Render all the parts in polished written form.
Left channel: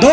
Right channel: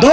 2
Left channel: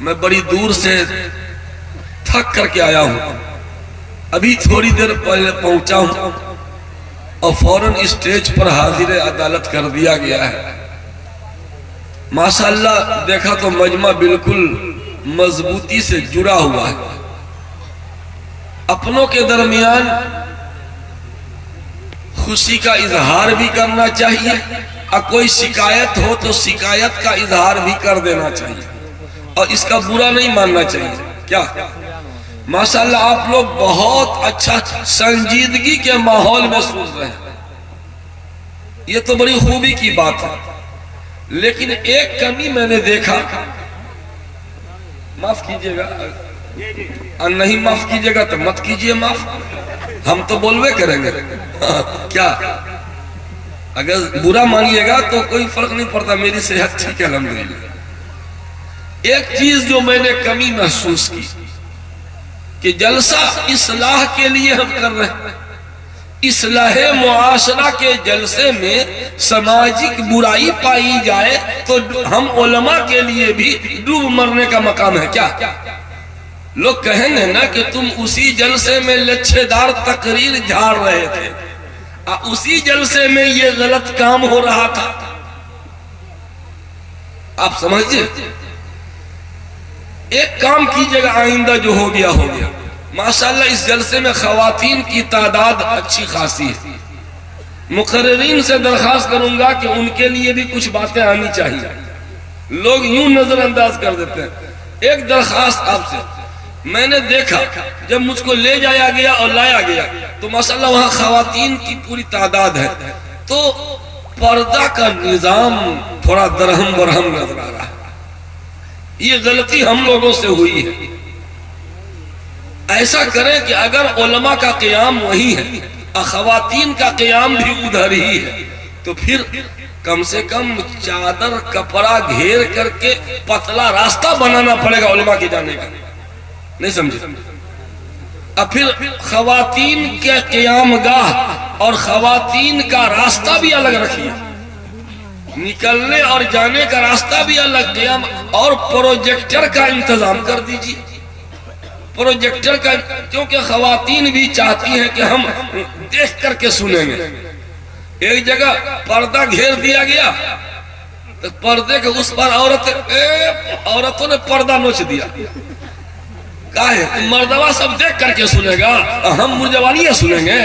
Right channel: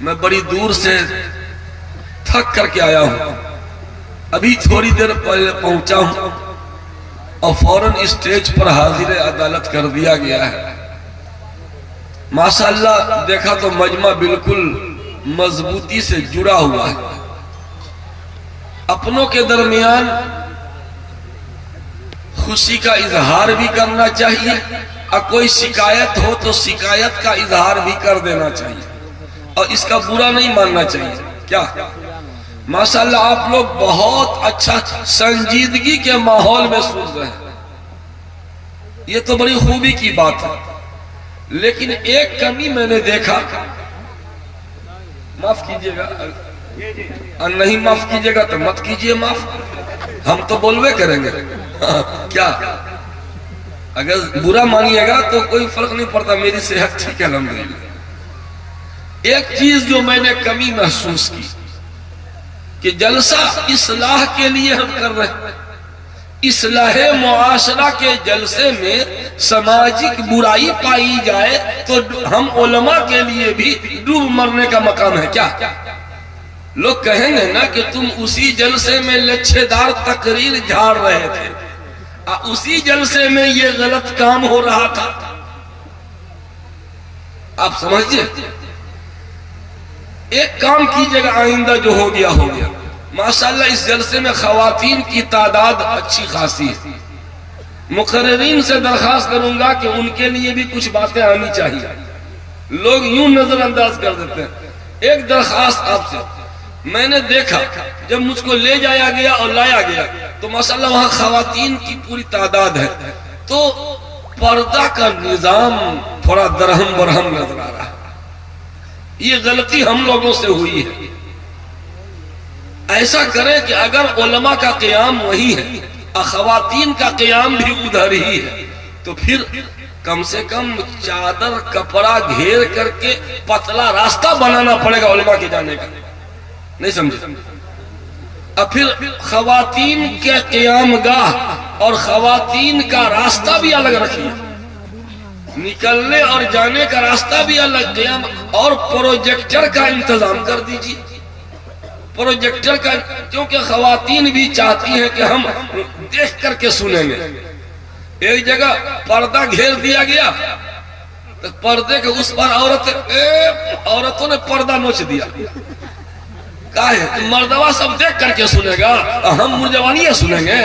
میں بڑی دور سے تھک کر کے آیا ہوں، ابھی تھوڑی دیر پہلے پہنچا ہوں اور فوراً اسٹیج پر حاضر عدالت کر دیا گیا ہے۔ ماشاءاللہ دیکھا تو مجمع بالکل مضبوطی سے جڑا ہوا ہے۔ اپنوں کے درمیان خوشی کا اظہار بھی کرنا چاہیے، اور کوئی شکایت ہو تو شکایت کا اظہار بھی کر دینا چاہیے، اور اس کا برا نہیں ماننا چاہیے۔ کیا ماشاءاللہ آپ لوگ بہت اچھا سنجیدگی کے ماحول میں سن رہے ہیں، یہ تو بڑی خوبی کی بات ہے۔ لیکن ایک کمی میں نے دیکھا، معاف کیجئے گا، نہیں معاف کیجئے گا تو مت کیجئے معاف، ہم تو بولوے کریں گے کیا؟ اگر برا مانیے گا تو کوئی فرق نہیں پڑتا، میری صحت ٹھیک ہے الحمدللہ۔ ایک چیز جو میں نے کمی محسوس کی کہ جلسہ اصلاح کے لیے ہم کر رہے ہیں، اصلاح معاشرہ کے جلسے میں سماجک برائی پائی جائے تو ہم علماء کے لیے بھی ڈوب مرنے کا مقام ہے۔ کیا لوگ کہیں گے نا کہ تم اسی جلسے میں لچھے دار تقریر جھاڑ رہے تھے، اسی جلسے میں یہ غلط کام ہو رہا تھا، آپ سمجھئے؟ ایک کام کیجئے گا، آئندہ جو ہو گیا ہو گیا۔ ماشاءاللہ اس جلسے میں خواتین کی تعداد اچھی خاصی ہے، مقررین سے درخواست کروں گا کہ ان کے لیے بھی کچھ باتیں آنی چاہیے، لوگ یوں نظر انداز کر دیتے ہیں۔ ایک درخواست آپ سے، میں نے دیکھا جب مجھ کو لے جایا گیا اور لایا گیا تو ماشاءاللہ وہاں خواتین کی پوری تعداد ہے، تو پردہ کا نظام تھوڑا درہم برہم نظر آ رہا ہے، یہ غلطی ہم لوگوں سے ہوئی ہے۔ ایسا کریں کہ اگر علماء کا قیام وہی ہے اور خواتین کا قیام بھی ادھر ہی ہے تو پھر کم سے کم چادر کپڑا گھیر کر کے پتلا راستہ بنانا پڑے گا علماء کے جانے کا، نہیں سمجھے؟ اب پھر خواتین کے قیام گاہ اور خواتین کا راستہ بھی الگ رکھیے، نکلنے اور جانے کا راستہ بھی الگ، قیام اور پروجیکٹر کا انتظام کر دیجیے، پروجیکٹر کا، کیونکہ خواتین بھی چاہتی ہیں کہ ہم دیکھ کر کے سنیں گے۔ ایک جگہ پردہ گھیر دیا گیا تو پردے کے اس پر عورتوں نے پردہ نوچ دیا، کہا ہے مردوا سب دیکھ کر کے سنے گا، ہم مرجوانی سنیں گے،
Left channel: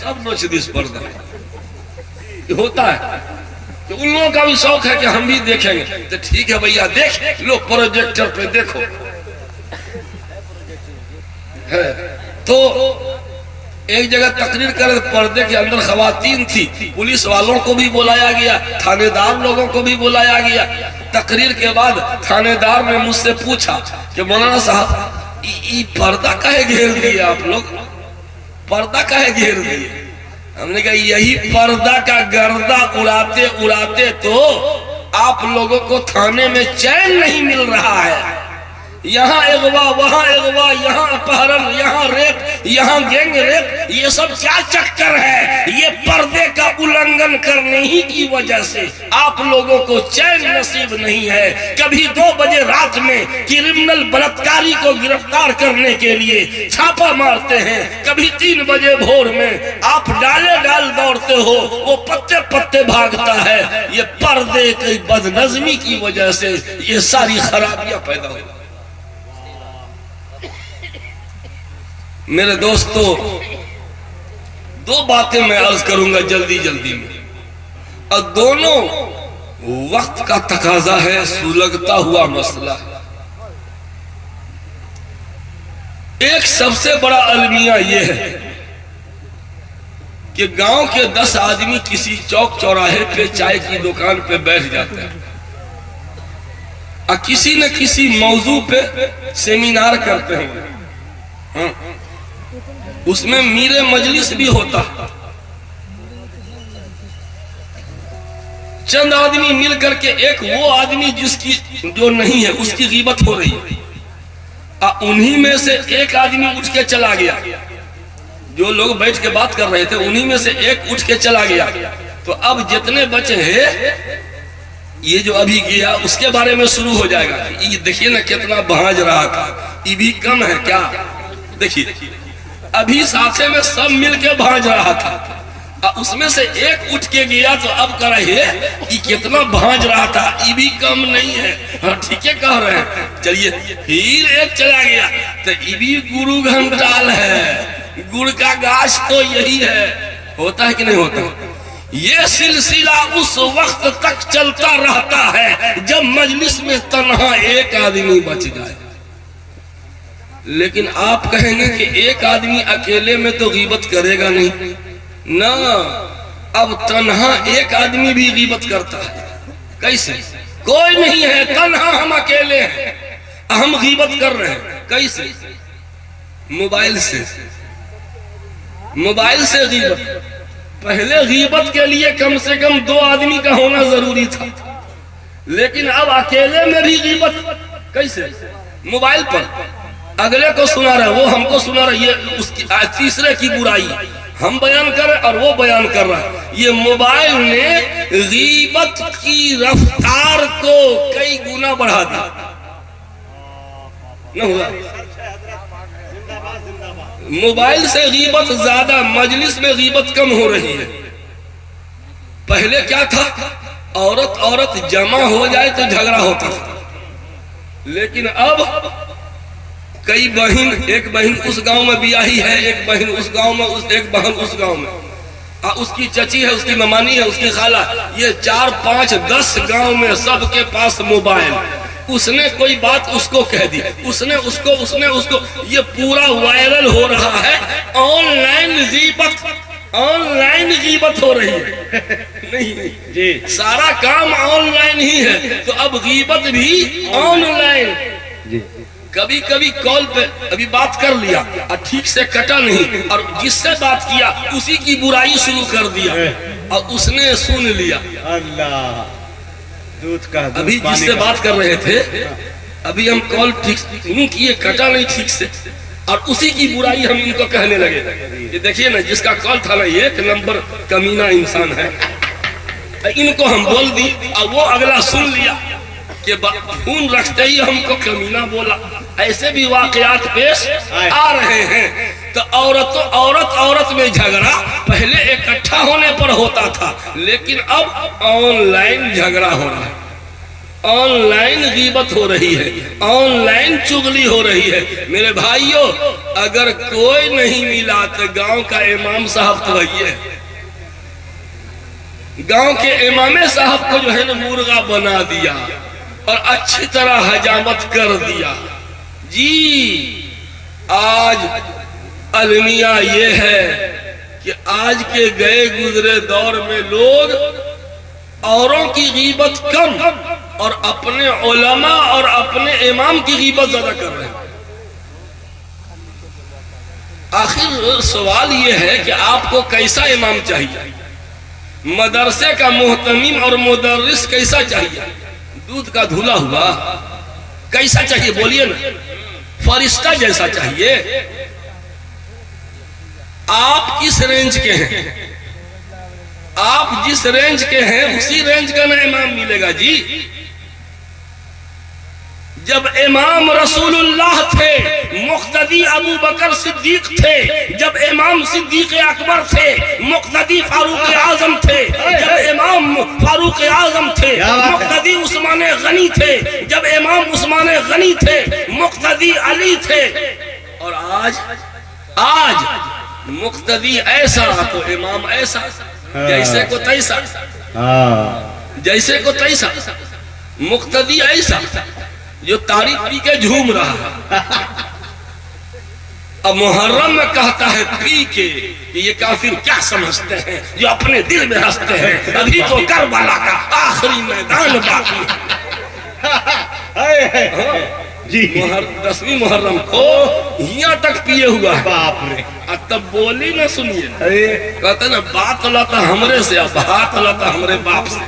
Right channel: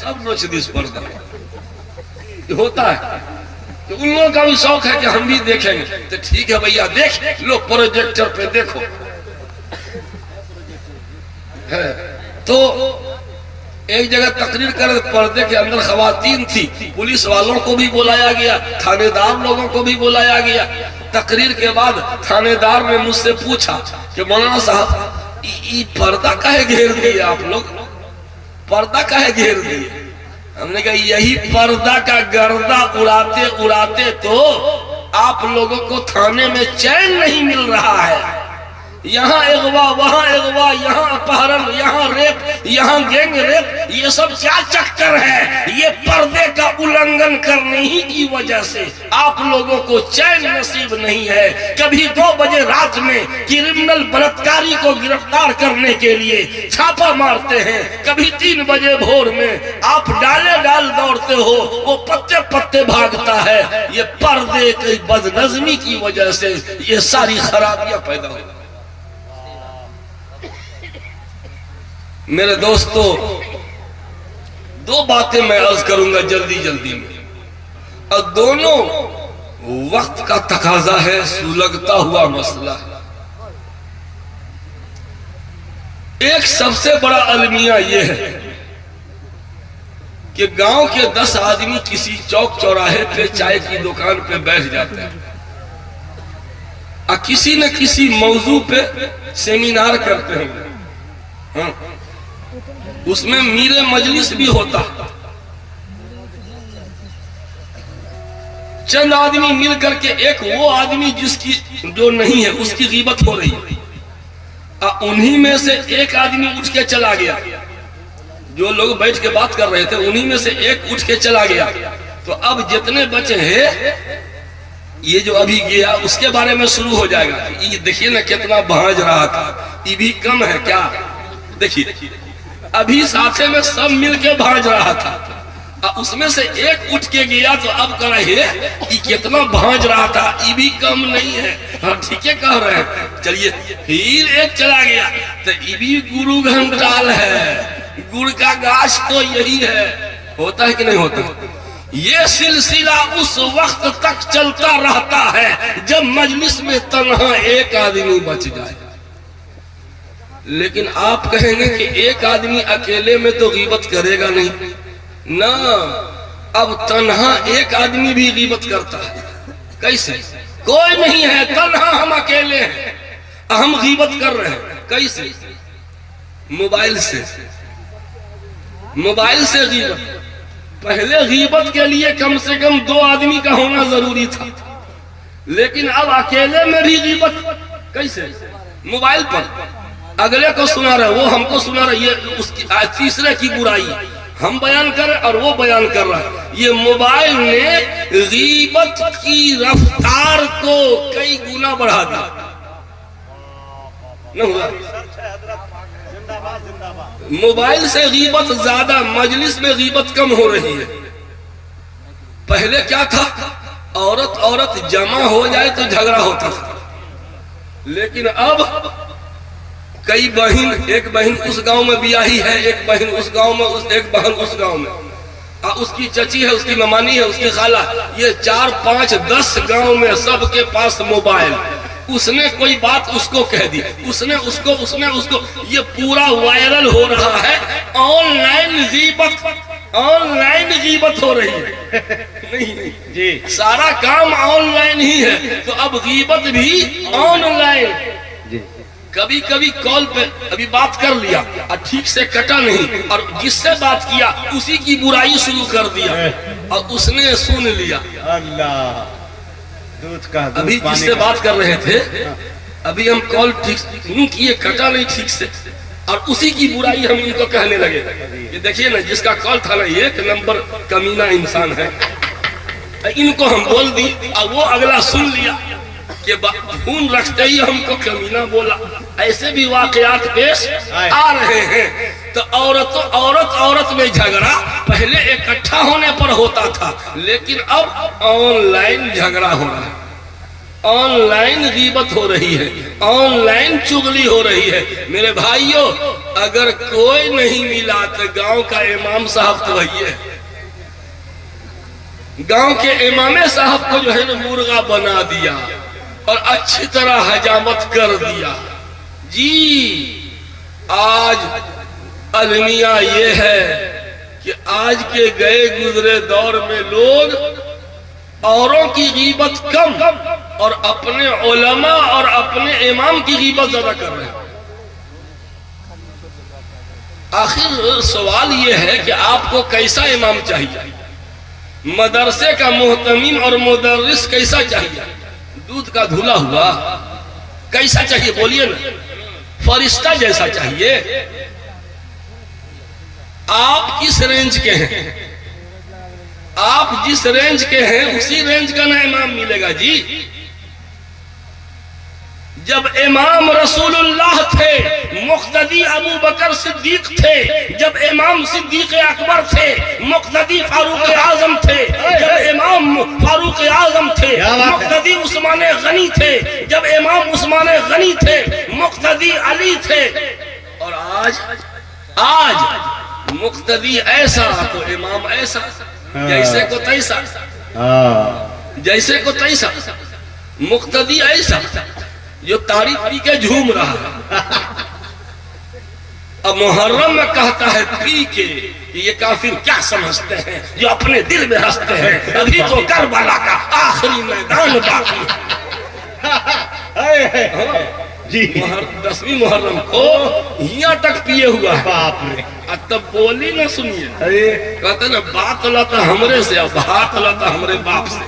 سب نوچ دی اس پردہ۔ ہوتا ہے کہ ان لوگوں کا بھی شوق ہے کہ ہم بھی دیکھیں گے، تو ٹھیک ہے بھیا دیکھ لو، پروجیکٹر پہ دیکھو۔ تو ایک جگہ تقریر کر پردے کے اندر خواتین تھی، پولیس والوں کو بھی بلایا گیا، تھانے دار لوگوں کو بھی بلایا گیا۔ تقریر کے بعد تھانے دار نے مجھ سے پوچھا کہ مولانا صاحب یہ پردہ کہے گھیر دیے آپ لوگ، پردہ کہے گھیر دیے؟ ہم نے کہا یہی پردہ کا گردہ اڑاتے اڑاتے تو آپ لوگوں کو تھانے میں چین نہیں مل رہا ہے، یہاں اغوا وہاں اغوا، یہاں اپہرن یہاں ریپ یہاں گینگ ریپ، یہ سب کیا چکر ہے؟ یہ پردے کا النگھن کرنے ہی کی وجہ سے آپ لوگوں کو چین نصیب نہیں ہے۔ کبھی 2 بجے رات میں کرمنل بلاتکاری کو گرفتار کرنے کے لیے چھاپا مارتے ہیں، کبھی 3 بجے بھور میں آپ ڈالے ڈال دوڑتے ہو، وہ پتے پتے بھاگتا ہے۔ یہ پردے کی بدنظمی کی وجہ سے یہ ساری خرابیاں پیدا ہوئی۔ میرے دوستو 2 باتیں میں عرض کروں گا جلدی جلدی میں، اور دونوں وقت کا تقاضا ہے، سلگتا ہوا مسئلہ ہے۔ ایک سب سے بڑا المیہ یہ ہے کہ گاؤں کے 10 آدمی کسی چوک چوراہے پہ چائے کی دکان پہ بیٹھ جاتے ہیں اور کسی نہ کسی موضوع پہ سیمینار کرتے ہیں، اس میں میرے مجلس بھی ہوتا، چند آدمی مل کر کے ایک وہ آدمی جس کی جو نہیں ہے اس کی غیبت ہو رہی ہے، انہی میں سے ایک آدمی اٹھ کے چلا گیا، جو لوگ بیٹھ کے بات کر رہے تھے انہی میں سے ایک اٹھ کے چلا گیا، تو اب جتنے بچے ہیں یہ جو ابھی گیا اس کے بارے میں شروع ہو جائے گا. یہ دیکھیے نا کتنا بھانج رہا تھا, یہ بھی کم ہے کیا؟ دیکھیے ابھی ساتھے میں سب مل کے بھانج رہا تھا, اس میں سے ایک اٹھ کے گیا تو اب کہہ رہے یہ کتنا بھانج رہا تھا, یہ بھی کم نہیں ہے. ہاں ٹھیک ہے کہہ رہے ہیں. چلیے پھر ایک چلا گیا تو یہ بھی گرو گھنٹال ہے, گڑ کا گاچھ تو یہی ہے. ہوتا ہے کہ نہیں ہوتا؟ یہ سلسلہ اس وقت تک چلتا رہتا ہے جب مجلس میں تنہا ایک آدمی بچ جائے. لیکن آپ کہیں گے کہ ایک آدمی اکیلے میں تو غیبت کرے گا نہیں نا, اب تنہا ایک آدمی بھی غیبت کرتا ہے. کیسے؟ کوئی نہیں ہے, تنہا ہم اکیلے ہیں, ہم غیبت کر رہے ہیں. کیسے؟ موبائل سے. موبائل سے غیبت. پہلے غیبت کے لیے کم سے کم 2 آدمی کا ہونا ضروری تھا, لیکن اب اکیلے میں بھی غیبت. کیسے؟ موبائل پر اگلے کو سنا رہا ہے, وہ ہم کو سنا رہا ہے, یہ اس کی تیسرے کی برائی ہم بیان کر رہے اور وہ بیان کر رہا ہے. یہ موبائل نے غیبت کی رفتار کو کئی گنا بڑھا دیا. موبائل سے غیبت زیادہ, مجلس میں غیبت کم ہو رہی ہے. پہلے کیا تھا, عورت جمع ہو جائے تو جھگڑا ہوتا تھا, لیکن اب کئی بہن, ایک بہن اس گاؤں میں بیاہی ہے, ایک بہن اس گاؤں میں, ایک بہن اس گاؤں میں, اس کی چچی ہے, اس کی ممانی ہے, اس کی خالہ, یہ 4 5 10 گاؤں میں سب کے پاس موبائل. اس نے کوئی بات اس کو کہہ دی, اس نے اس کو, یہ پورا وائرل ہو رہا ہے. آن لائن غیبت ہو رہی ہے. نہیں جی, سارا کام آن لائن ہی ہے, تو اب غیبت بھی آن لائن. کبھی کبھی کال پہ ابھی بات کر لیا اور ٹھیک سے کٹا نہیں, اور جس سے بات کیا اسی کی برائی شروع کر دیا اور اس نے سن لیا. اللہ, ابھی جس سے بات کر رہے تھے, ابھی ہم کال ٹھیک نہیں کیے, کٹا نہیں ٹھیک سے, اور اسی کی برائی ہم ان کو کہنے لگے. یہ دیکھیے نا, جس کا کال تھا نا 1 نمبر کمینہ انسان ہے, ان کو ہم بول دی اور وہ اگلا سن لیا کہ فون رکھتے ہی ہم کو کمینہ بولا. ایسے بھی واقعات پیش آ رہے ہیں. تو عورت میں جھگڑا پہلے اکٹھا ہونے پر ہوتا تھا, لیکن اب آن لائن جھگڑا ہو رہا ہے, آن لائن غیبت ہو رہی ہے, آن لائن چغلی ہو رہی ہے. میرے بھائیوں, اگر کوئی نہیں ملا تو گاؤں کا امام صاحب تو وہی ہے. گاؤں کے امام صاحب کو جو ہے نا مرغا بنا دیا اور اچھی طرح حجامت کر دیا. جی آج المیہ یہ ہے کہ آج کے گئے گزرے دور میں لوگ اوروں کی غیبت کم اور اپنے علماء اور اپنے امام کی غیبت زیادہ کر رہے ہیں. آخر سوال یہ ہے کہ آپ کو کیسا امام چاہیے, مدرسے کا محتمم اور مدرس کیسا چاہیے, دودھ کا دھلا ہوا کیسا چاہیے بولیے نا, فرشتہ جیسا چاہیے. آپ کس رینج کے ہیں, آپ جس رینج کے ہیں اسی رینج کا نا امام ملے گا. جی جب امام رسول اللہ تھے, مقتدی ابو بکر صدیق تھے, جب امام صدیق اکبر تھے, مقتدی فاروق اعظم تھے, جب امام فاروق اعظم تھے, مقتدی عثمان غنی تھے, جب امام عثمان غنی تھے, مقتدی علی تھے, اور آج مقتدی ایسا تو امام ایسا, جیسے کو تیسا, جیسے کو تیسا, مقتدی ایسا جو تاریخ پی کے جھوم رہا. اب محرم میں کہتا ہے پی کے, یہ کافر کیا سمجھتے ہیں جو اپنے دل میں ہنستے ہیں, ابھی تو کربلا کا آخری میدان باقی ہے. جی 10ویں محرم کو یہاں تک پیے ہوا ہے. باپ رے, تب بولی نہ سنیے, کہتا نا بات لاتا ہمرے سے, اب ہاتھ لاتا ہمارے باپ سے.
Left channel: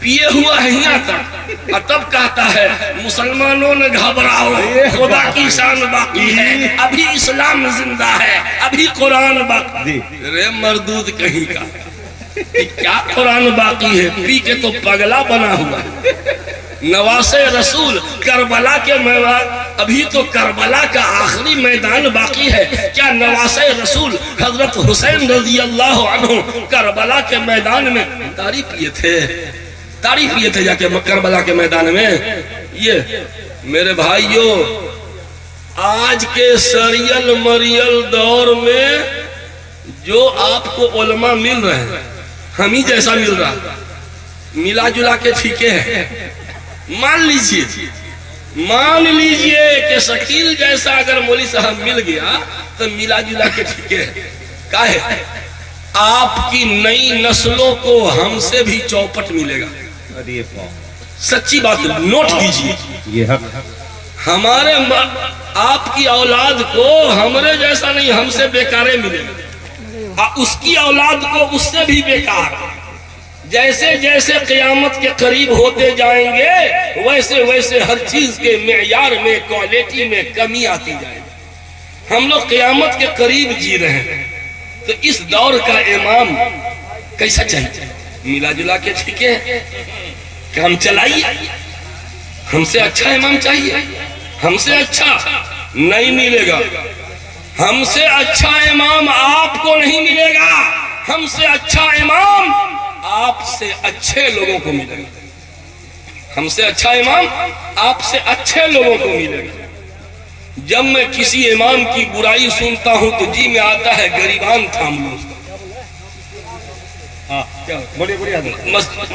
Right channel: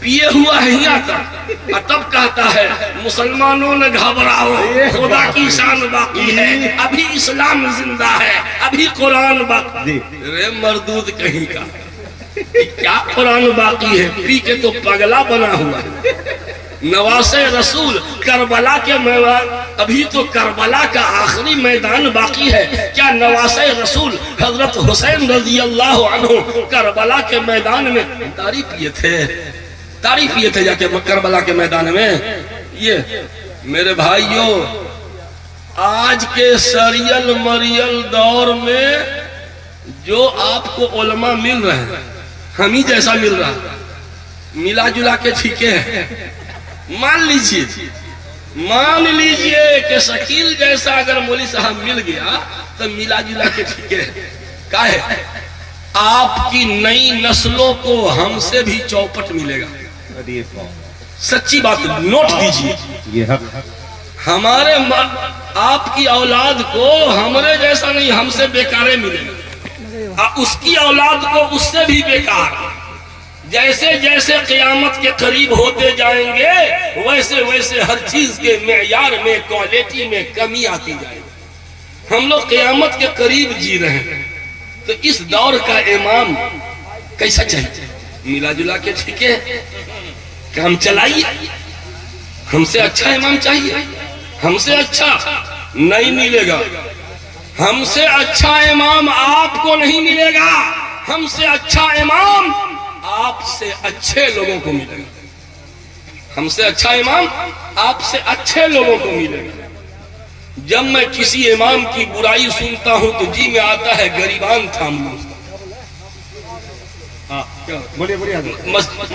پیے ہوا ہے یہاں تک, اور تب کہتا ہے مسلمانوں نے گھبراؤ, خدا کی شان باقی ہے, ابھی اسلام زندہ ہے, ابھی قرآن باقی. رے مردود کہیں کا, کہ کیا قرآن باقی ہے، پی کے تو پگلا بنا ہوا ہے۔ نواسے رسول کربلا کے میدان، ابھی تو کربلا کا آخری میدان باقی ہے، کیا نواسے رسول حضرت حسین رضی اللہ عنہ کربلا کے میدان میں تعریف کیے تھے جا کے کربلا کے میدان میں؟ یہ میرے بھائیوں، آج کے سریل مریل دور میں جو آپ کو علماء مل رہے ہیں، ہم ہی جیسا مل رہا، ملا جلا کے ٹھیکے ہیں۔ مان لیجئے کہ شکیل جیسا اگر مولوی صاحب مل گیا تو ملا جلا کے ٹھیکے ہیں۔ کیا ہے؟ آپ کی نئی نسلوں کو ہم سے بھی چوپٹ ملے گا، سچی بات نوٹ کیجئے۔ ہمارے آپ کی اولاد کو ہمارے جیسا نہیں، ہم سے بیکارے ملے گا، اس کی اولاد کو اس سے بھی بیکار۔ جیسے جیسے قیامت کے قریب ہوتے جائیں گے ویسے ویسے ہر چیز کے معیار میں، کوالٹی میں کمی آتی جائے گی۔ ہم لوگ قیامت کے قریب جی رہے ہیں، تو اس دور کا امام کیسا چاہیے؟ ملا جلا کے ٹھیکے کہ ہم چلائیے، ہم سے اچھا امام چاہیے، ہم سے اچھا نہیں ملے گا۔ ہم سے اچھا امام آپ کو نہیں ملے گا، ہم سے اچھا امام آپ سے اچھے لوگوں کو ملے گا۔ ہم سے اچھا امام آپ سے اچھے لوگوں کو ملے گا۔ جب میں کسی امام کی برائی سنتا ہوں تو جی میں آتا ہے گریبان تھام لوں اس کا۔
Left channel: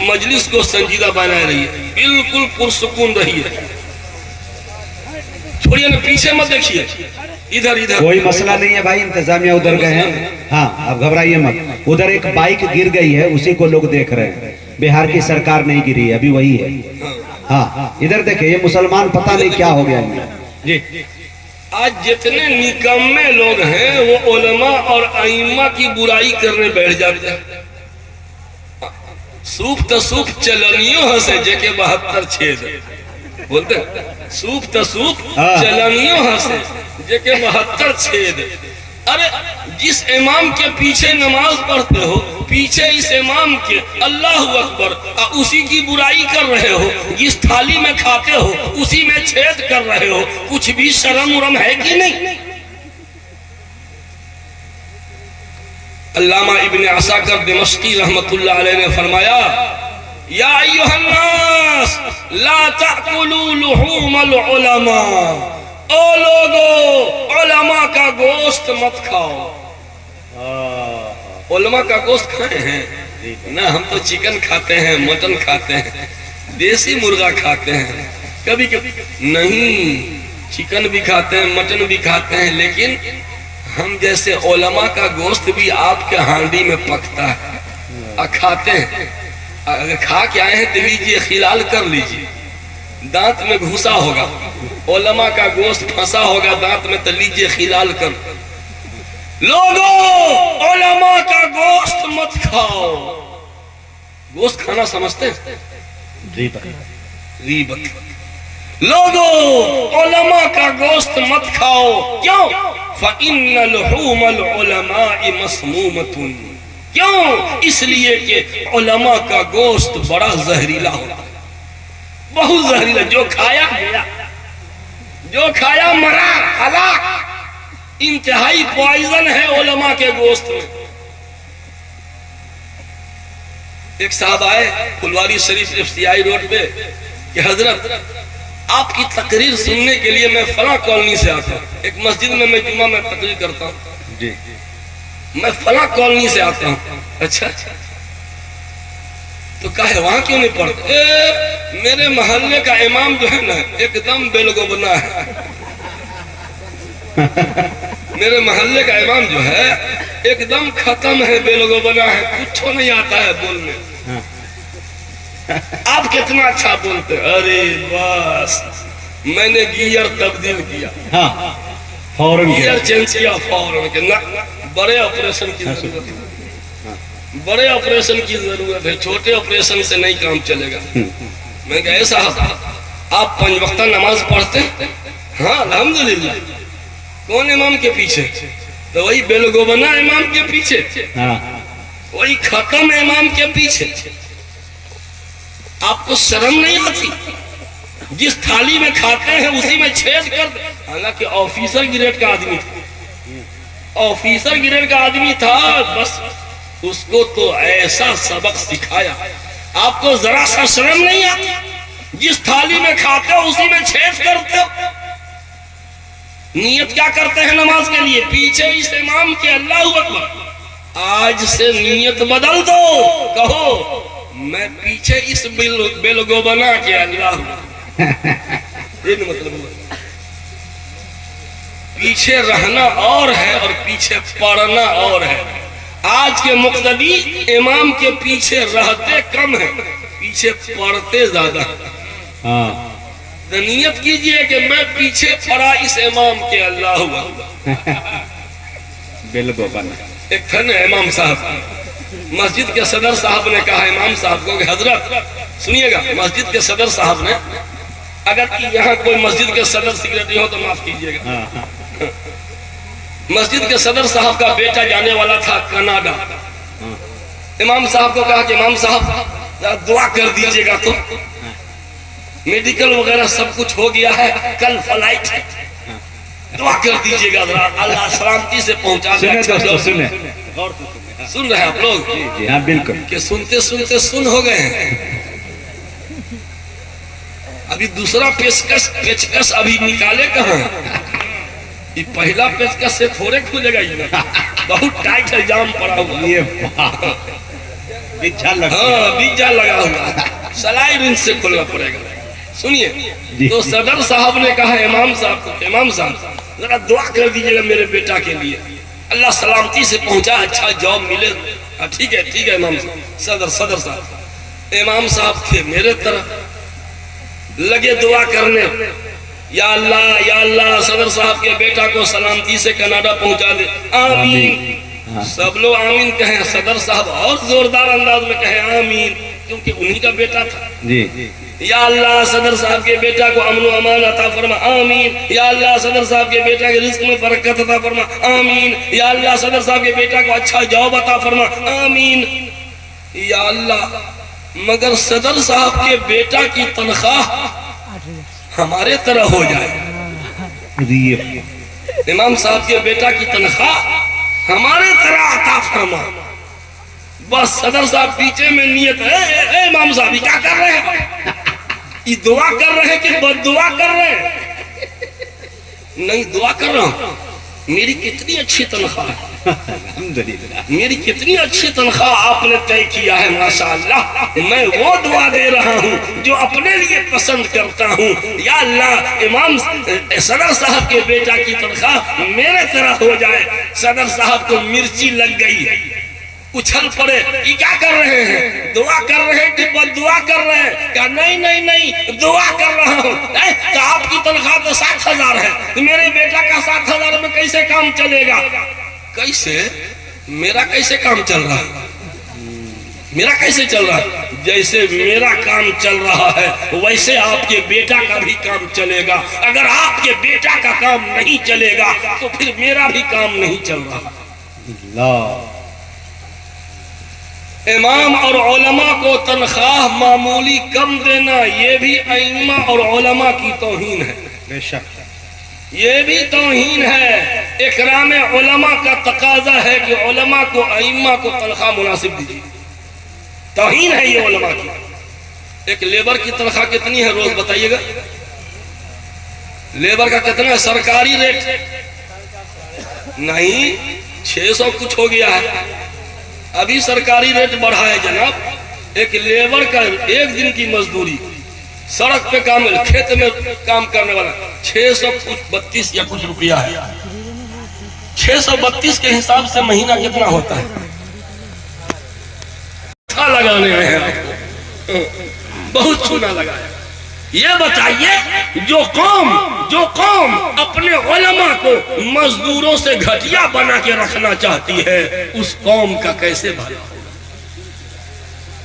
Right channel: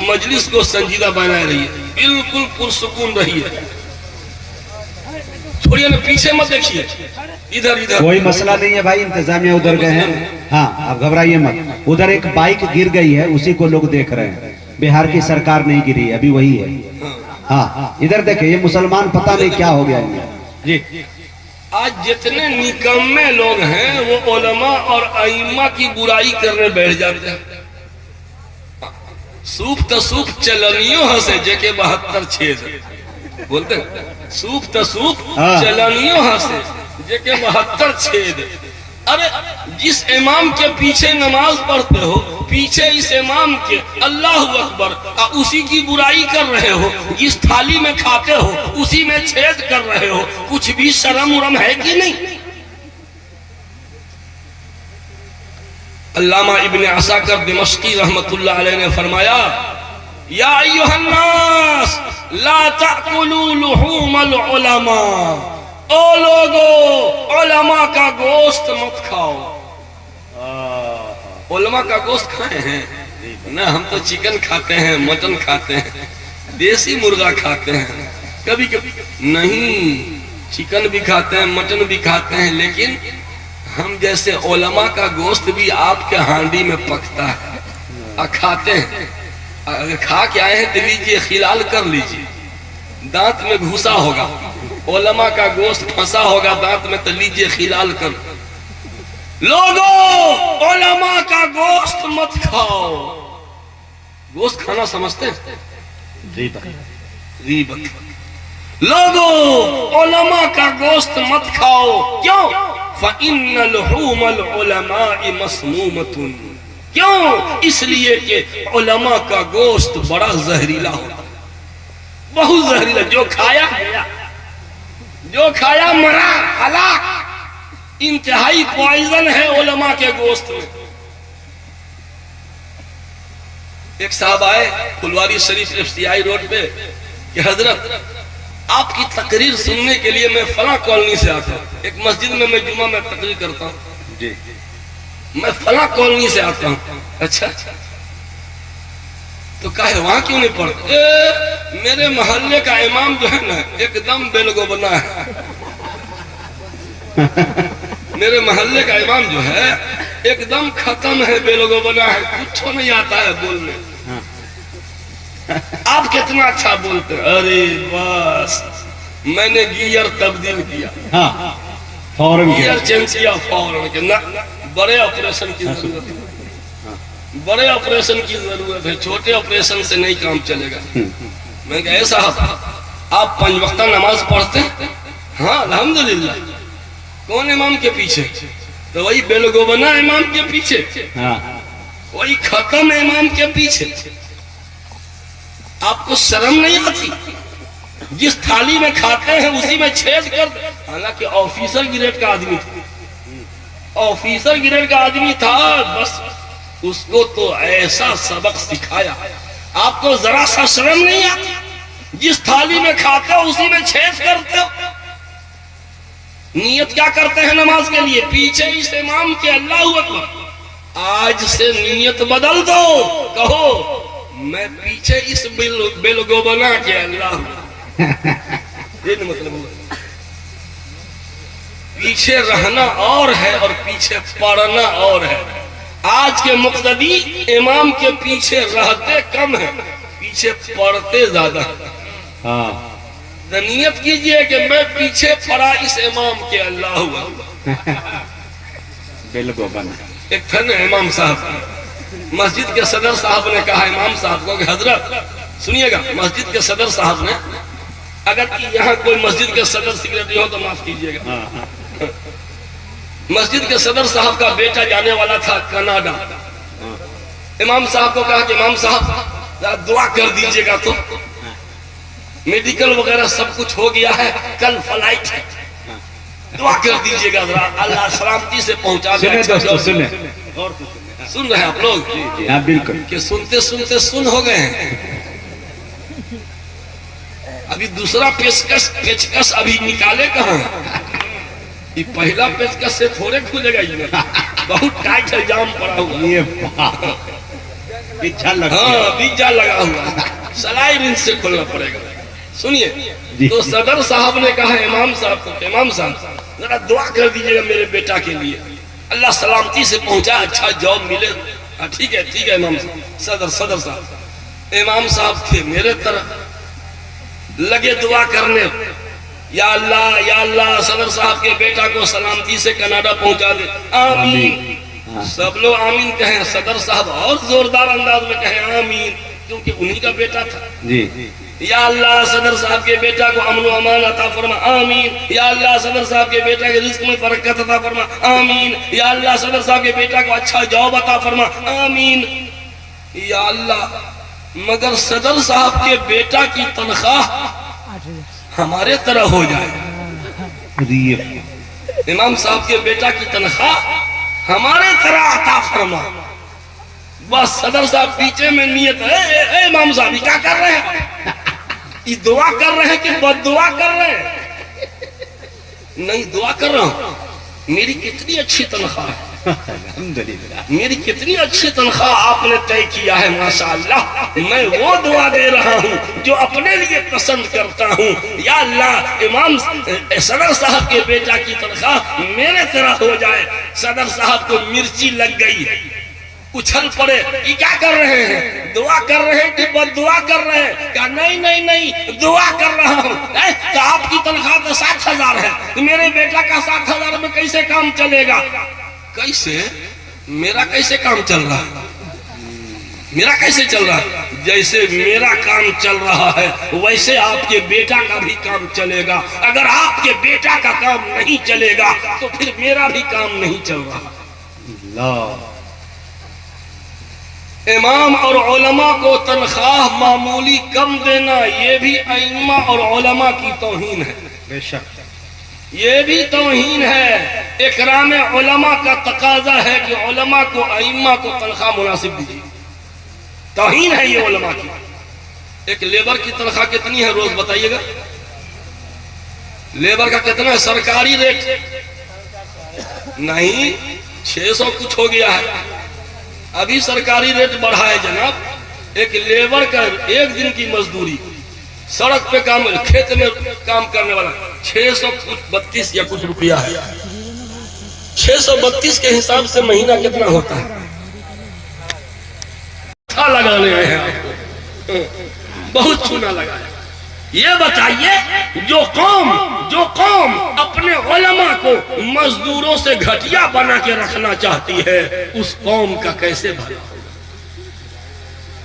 مجلس کو سنجیدہ بنا رہی ہے، بالکل پرسکون رہی ہے، چھوڑیے نا، پیچھے مت دیکھیے، ادھر کوئی مسئلہ نہیں ہے بھائی، انتظامیہ ادھر گئے ہیں، ہاں اب گھبرائیے مت۔ ادھر ایک بائک گر گئی ہے، اسی کو لوگ دیکھ رہے ہیں، بہار کی سرکار نہیں گری ہے، ابھی وہی ہے۔ ہاں ادھر دیکھیں، یہ مسلمان پتہ نہیں کیا ہو گیا جی۔ آج جتنے نکمے لوگ ہیں وہ علماء اور ائمہ کی برائی کرنے بیٹھ جاتے ہیں۔ سوپ تسوپ چلنیوں ہنسے جے کے 72 چھید بولتے ہیں، سوپ تسوپ چلنیوں ہنسے جے کے 72 چھید۔ ارے جس امام کے پیچھے نماز پڑھتے ہو، پیچھے اس امام کے اللہ اکبر، اسی کی برائی کر رہے ہو، جس تھالی میں کھاتے ہو اسی میں چھید کر رہے ہو، کچھ بھی شرم ورم ہے کہ نہیں؟ علامہ ابن عساکر دمشقی رحمت اللہ علیہ نے فرمایا، یا ایھا الناس لا تأکلوا لحوم العلماء، او لوگو علماء کا گوشت مت کھاؤ۔ علماء کا گوشت کھائے ہیں نہ، ہم تو چکن کھاتے ہیں، مٹن کھاتے ہیں، دیسی مرغا کھاتے ہیں، کبھی کبھی نہیں، چکن بھی کھاتے ہیں، مٹن بھی کھاتے ہیں، لیکن ہم جیسے علماء کا گوشت بھی آپ کے ہانڈی میں پکتا ہے، کھاتے ہیں۔ اگر کھا کے آئے ہیں تو لیجئے، خلال کر لیجئے، دانت میں گھسا ہوگا، علماء کا گوشت پھنسا ہوگا دانت میں، تو لیجئے خلال کر۔ لوگوں علماء کا گوشت مت کھاؤ۔ گوشت کھانا سمجھتے ہیں؟ غیبت۔ لوگوں علماء کا گوشت مت کھاؤ، کیوں؟ فَإِنَّ لُحُومَ الْعُلَمَاءِ مَسْمُومَةٌ، کیوں؟ اس لیے کہ علماء کا گوشت بڑا زہریلا ہوتا، بہت زہریلا، جو کھایا گیا، جو کھایا مرا، ہلاک، انتہائی پوائزن ہے علماء کے گوشت میں۔ ایک صاحب آئے پھلواری شریف افتیائی روڈ پہ کہ حضرت آپ کی تقریر سننے کے لیے میں فلاں کالونی سے آتا ہوں، ایک مسجد میں جمعہ میں تقریر کرتا ہوں جی، میں فلاں کالونی سے آتا ہوں۔ اچھا تو کہا وہاں کیوں نہیں پڑھتے؟ میرے محلے کا امام جو ہے نا ایک دم بیلگو بنا ہے، میرے محلے کا امام جو ہے ایک دم ختم ہے، بیلگو بنا ہے، کچھ نہیں آتا ہے بولنے۔ آپ کتنا اچھا بولتے ہیں، ارے بس میں نے گیئر تبدیل کیا، فوراً گیئر چینج کیا فوراً، کہ نہ بڑے آپریشن کی ضرورت ہے، بڑے آپریشن کی ضرورت ہے، چھوٹے آپریشن سے نہیں کام چلے گا۔ میں کہا ایسا آپ 5 وقتہ نماز پڑھتے ہیں؟ ہاں الحمدللہ۔ کون امام کے پیچھے؟ تو وہی بیلگو بنا امام کے پیچھے۔ کوئی ختم امام کے پیچھے، آپ کو شرم نہیں آتی؟ جس تھالی میں کھاتے ہیں اسی میں چھید کر دیں۔ حالانکہ آفیسر گریڈ کا آدمی تھا، آفیسر گریڈ کا آدمی تھا، بس اس کو تو ایسا سبق سکھایا، آپ کو ذرا سا شرم نہیں آتی؟ جس تھالی میں کھاتے ہو اسی میں چھید کرتے ہو۔ نیت کیا کرتے ہیں نماز کے لیے؟ پیچھے اس امام کے اللہ اکبر۔ آج سے نیت بدل دو، کہو میں پیچھے اس بلگوبنا کے اللہ ہوں۔ یہ نہیں مطلب ہوا، پیچھے رہنا اور ہے اور پیچھے پڑھنا اور ہے۔ آج کے مقتدی امام کے پیچھے رہتے کم ہیں، پیچھے پڑھتے زیادہ ہیں۔ نیت کیجئے کہ میں پیچھے پڑا اس امام کے اللہ ہوا۔ بالکل ایک تھا نا امام صاحب، مسجد کے صدر صاحب نے کہا امام صاحب کو کہ حضرت سنیے گا، مسجد کے صدر صاحب نے، اگر یہاں کوئی مسجد کے صدر سیکریٹری ہو تو معاف کیجئے گا، مسجد کے صدر صاحب کا بیٹا جانے والا تھا کینیڈا۔ امام صاحب کو کہا کہ امام صاحب دعا کر دیجئے گا، تو میڈیکل وغیرہ سب کچھ ہو گیا ہے، کل فلائٹ ہے، دعا کر دیجئے گا ذرا اللہ سلامتی سے پہنچا دے۔ سن رہے ہیں آپ لوگ؟ ہاں بالکل، کہ سنتے سنتے سن ہو گئے ہیں۔ ابھی دوسرا پیچکس ابھی نکالے کہاں؟ یہ پہلا پیچکس سے تھوڑے کھلے گا، یہ بہت ٹائٹ ہے، جام پڑا ہوا، ہاں بیجا لگا ہوا، سلائی رنگ سے کھلنا پڑے گا۔ سنیے، تو صدر صاحب نے کہا امام صاحب کو، امام صاحب ذرا دعا کر دیجئے گا میرے بیٹا کے لیے، اللہ سلامتی سے پہنچا، اچھا جاب ملے۔ ٹھیک ہے ٹھیک ہے امام صاحب، صدر صاحب، امام صاحب تھے میرے طرح، لگے دعا کرنے، یا اللہ صدر صاحب کے بیٹا کو سلامتی سے کینیڈا پہنچا دے، آمین۔ سب لوگ آمین کہیں، صدر صاحب اور زوردار انداز میں کہیں آمین، کیونکہ انہی کا بیٹا تھا۔ یا اللہ صدر صاحب کے بیٹا کو امن و امان عطا فرما، آمین۔ یا اللہ صدر صاحب کے بیٹا کے رزق میں برکت عطا فرما، آمین۔ یا اللہ صدر صاحب کے بیٹا کو اچھا جاب عطا فرما، آمین۔ یا اللہ مگر صدر صاحب کے بیٹا کی تنخواہ ہمارے طرح ہو جائے، امام صاحب کے بیٹا کی تنخواہ ہمارے طرح عطا فرما۔ بس صدر صاحب پیچھے میں نیت ہے، اے امام صاحب کیا کر رہے ہیں؟ یہ دعا کر رہے ہیں کہ بد دعا کر رہے ہیں؟ نہیں، دعا کر رہا ہوں، میری کتنی اچھی تنخواہ ہے، میری کتنی اچھی تنخواہ آپ نے طے کیا ہے، ماشاءاللہ۔ میں وہ دعا دے رہا ہوں جو اپنے لیے پسند کرتا ہوں، یا اللہ امام صدر صاحب کے بیٹا کی تنخواہ میرے طرح ہو جائے۔ صدر صاحب کو مرچی لگ گئی، اچھل پڑے، یہ کیا کر رہے ہیں؟ دعا کر رہے ہیں کہ بد دعا کر رہے ہیں؟ کہا نہیں دعا کر رہا ہوں۔ تو آپ کی تنخواہ تو 7,000 ہے، میرے بیٹا کا 7,000 میں کیسے کام چلے گا؟ کیسے؟ میرا کیسے کام چل رہا ہے؟ میرا کیسے چل رہا ہے؟ جیسے میرا کام چل رہا ہے ویسے آپ کے بیٹا کا بھی کام چلے گا۔ اگر آپ کے بیٹا کا کام نہیں چلے گا تو پھر میرا بھی کام نہیں چل رہا۔ امام اور علماء کو تنخواہ معمولی کم دینا یہ بھی ائمہ اور علماء کی توہین ہے، بے شک یہ بھی توہین ہے۔ اکرام علماء کا تقاضا ہے کہ علماء کو ائمہ کو تنخواہ مناسب دیجیے، توہین ہے یہ علماء کی۔ ایک لیبر کی تنخواہ کتنی ہے روز بتائیے گا؟ لیبر کا کتنا ہے سرکاری ریٹ؟ نہیں، 600 کچھ ہو گیا ہے، ابھی سرکاری ریٹ بڑھا ہے جناب۔ ایک لیبر کا ایک دن کی مزدوری سڑک پہ کام، کھیت میں کام کرنے والا 632 یا کچھ روپیہ ہے۔ 632 کے حساب سے مہینہ کتنا ہوتا ہے؟ لگانے میں ہے بہت چونا لگایا۔ یہ بتائیے جو قوم اپنے علماء کو مزدوروں سے گھٹیا بنا کے رکھنا چاہتی ہے اس قوم کا کیسے بھلا؟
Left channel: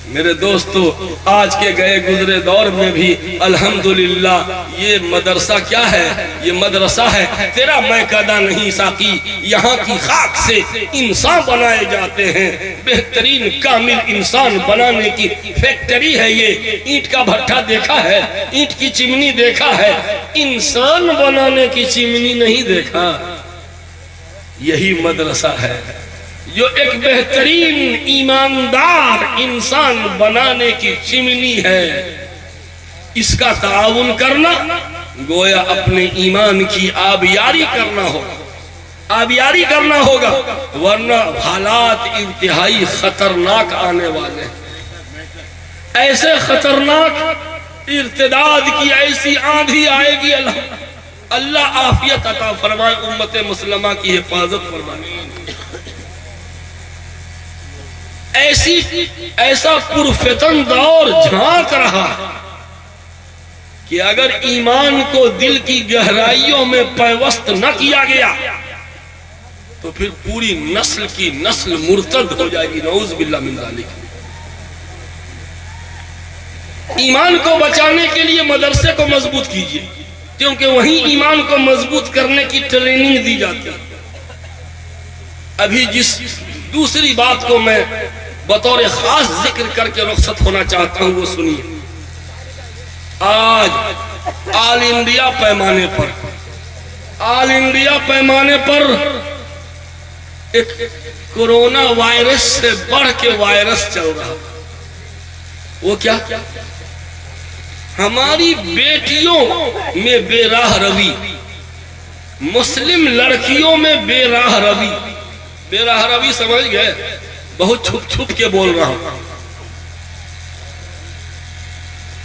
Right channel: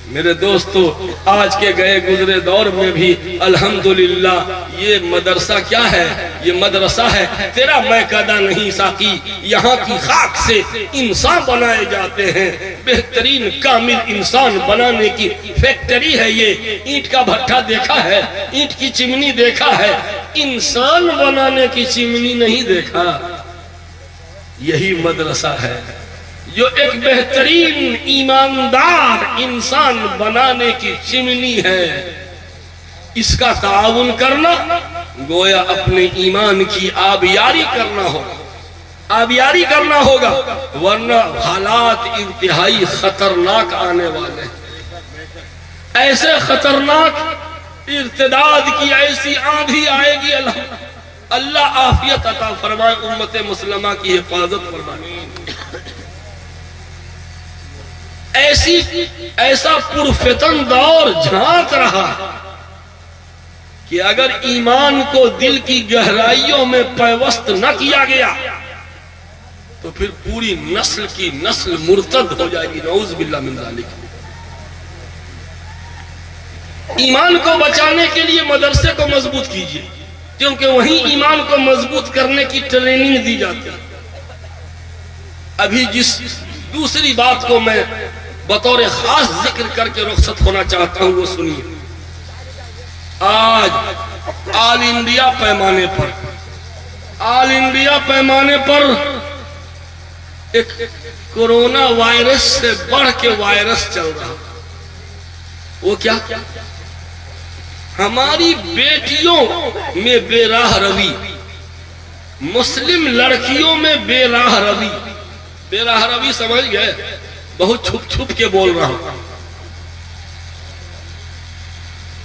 میرے دوستو، آج کے گئے گزرے دور میں بھی الحمدللہ یہ مدرسہ کیا ہے؟ یہ مدرسہ ہے تیرا میں قدا نہیں ساقی، یہاں کی خاک سے انسان بنائے جاتے ہیں، بہترین کامل انسان بنانے کی فیکٹری ہے یہ۔ اینٹ کا بھٹا دیکھا ہے، اینٹ کی چمنی دیکھا ہے، انسان بنانے کی چمنی نہیں دیکھا۔ یہی مدرسہ ہے جو ایک بہترین ایماندار انسان بنانے کی چمنی ہے۔ اس کا تعاون کرنا گویا اپنے ایمان کی آبیاری کرنا ہوگا، آبیاری کرنا ہوگا، ورنہ حالات انتہائی خطرناک آنے والے ہیں۔ ایسے خطرناک ارتداد کی ایسی آندھی آئے گی، اللہ عافیت عطا فرمائے، امت مسلمہ کی حفاظت فرمائے۔ ایسا پرفتن دور جھانک رہا کہ اگر ایمان کو دل کی گہرائیوں میں پیوست نہ کیا گیا تو پھر پوری نسل کی نسل مرتد ہو جائے گی، نعوذ باللہ من ذالک۔ ایمان کو بچانے کے لیے مدرسے کو مضبوط کیجیے، کیونکہ وہیں ایمان کو مضبوط کرنے کی ٹریننگ دی جاتی ہے۔ ابھی جس دوسری بات کو میں بطور خاص ذکر کر کے رخصت ہونا چاہتا ہوں وہ سنیے۔ آج آل انڈیا پیمانے پر ایک کورونا وائرس سے بڑھ کے وائرس چل رہا، وہ کیا؟ ہماری بیٹیوں میں بے راہ روی، مسلم لڑکیوں میں بے راہ روی۔ بے راہ روی سمجھ گئے؟ بہت چھپ چھپ کے بول رہا ہوں۔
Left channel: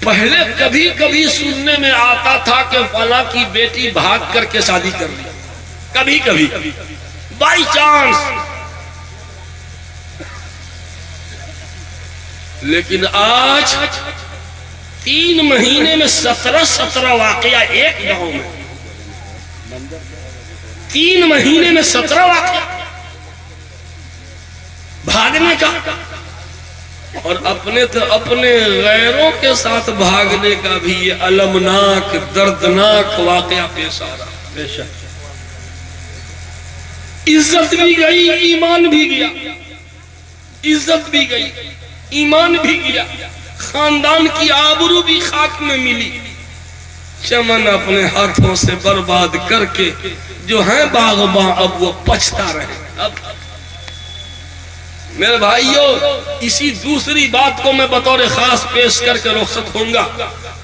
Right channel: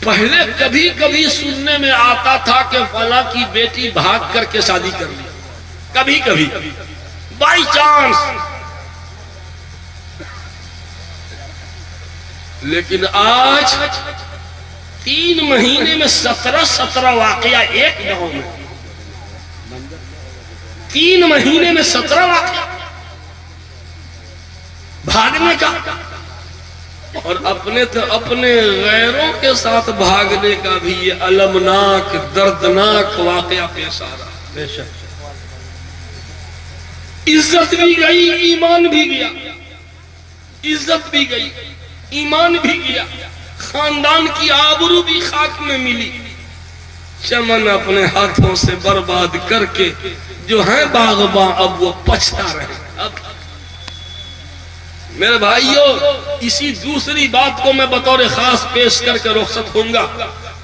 پہلے کبھی کبھی سننے میں آتا تھا کہ فلاں کی بیٹی بھاگ کر کے شادی کر لی، کبھی کبھی بائی چانس، لیکن آج 3 مہینے میں 17 واقعہ ایک گاؤں میں، 3 مہینے میں 17 واقعہ بھاگنے کا، اور اپنے غیروں کے ساتھ بھاگنے کا بھی یہ المناک دردناک واقعہ پیش آ رہا۔ عزت بھی گئی، ایمان بھی گیا، عزت بھی گئی، ایمان بھی گیا، خاندان کی آبرو بھی خاک میں ملی۔ چمن اپنے ہاتھوں سے برباد کر کے جو ہے باغباں اب وہ پچھتا رہے۔ اب میرے بھائیوں، اسی دوسری بات کو میں بطور خاص پیش کر کے رخصت ہوں گا۔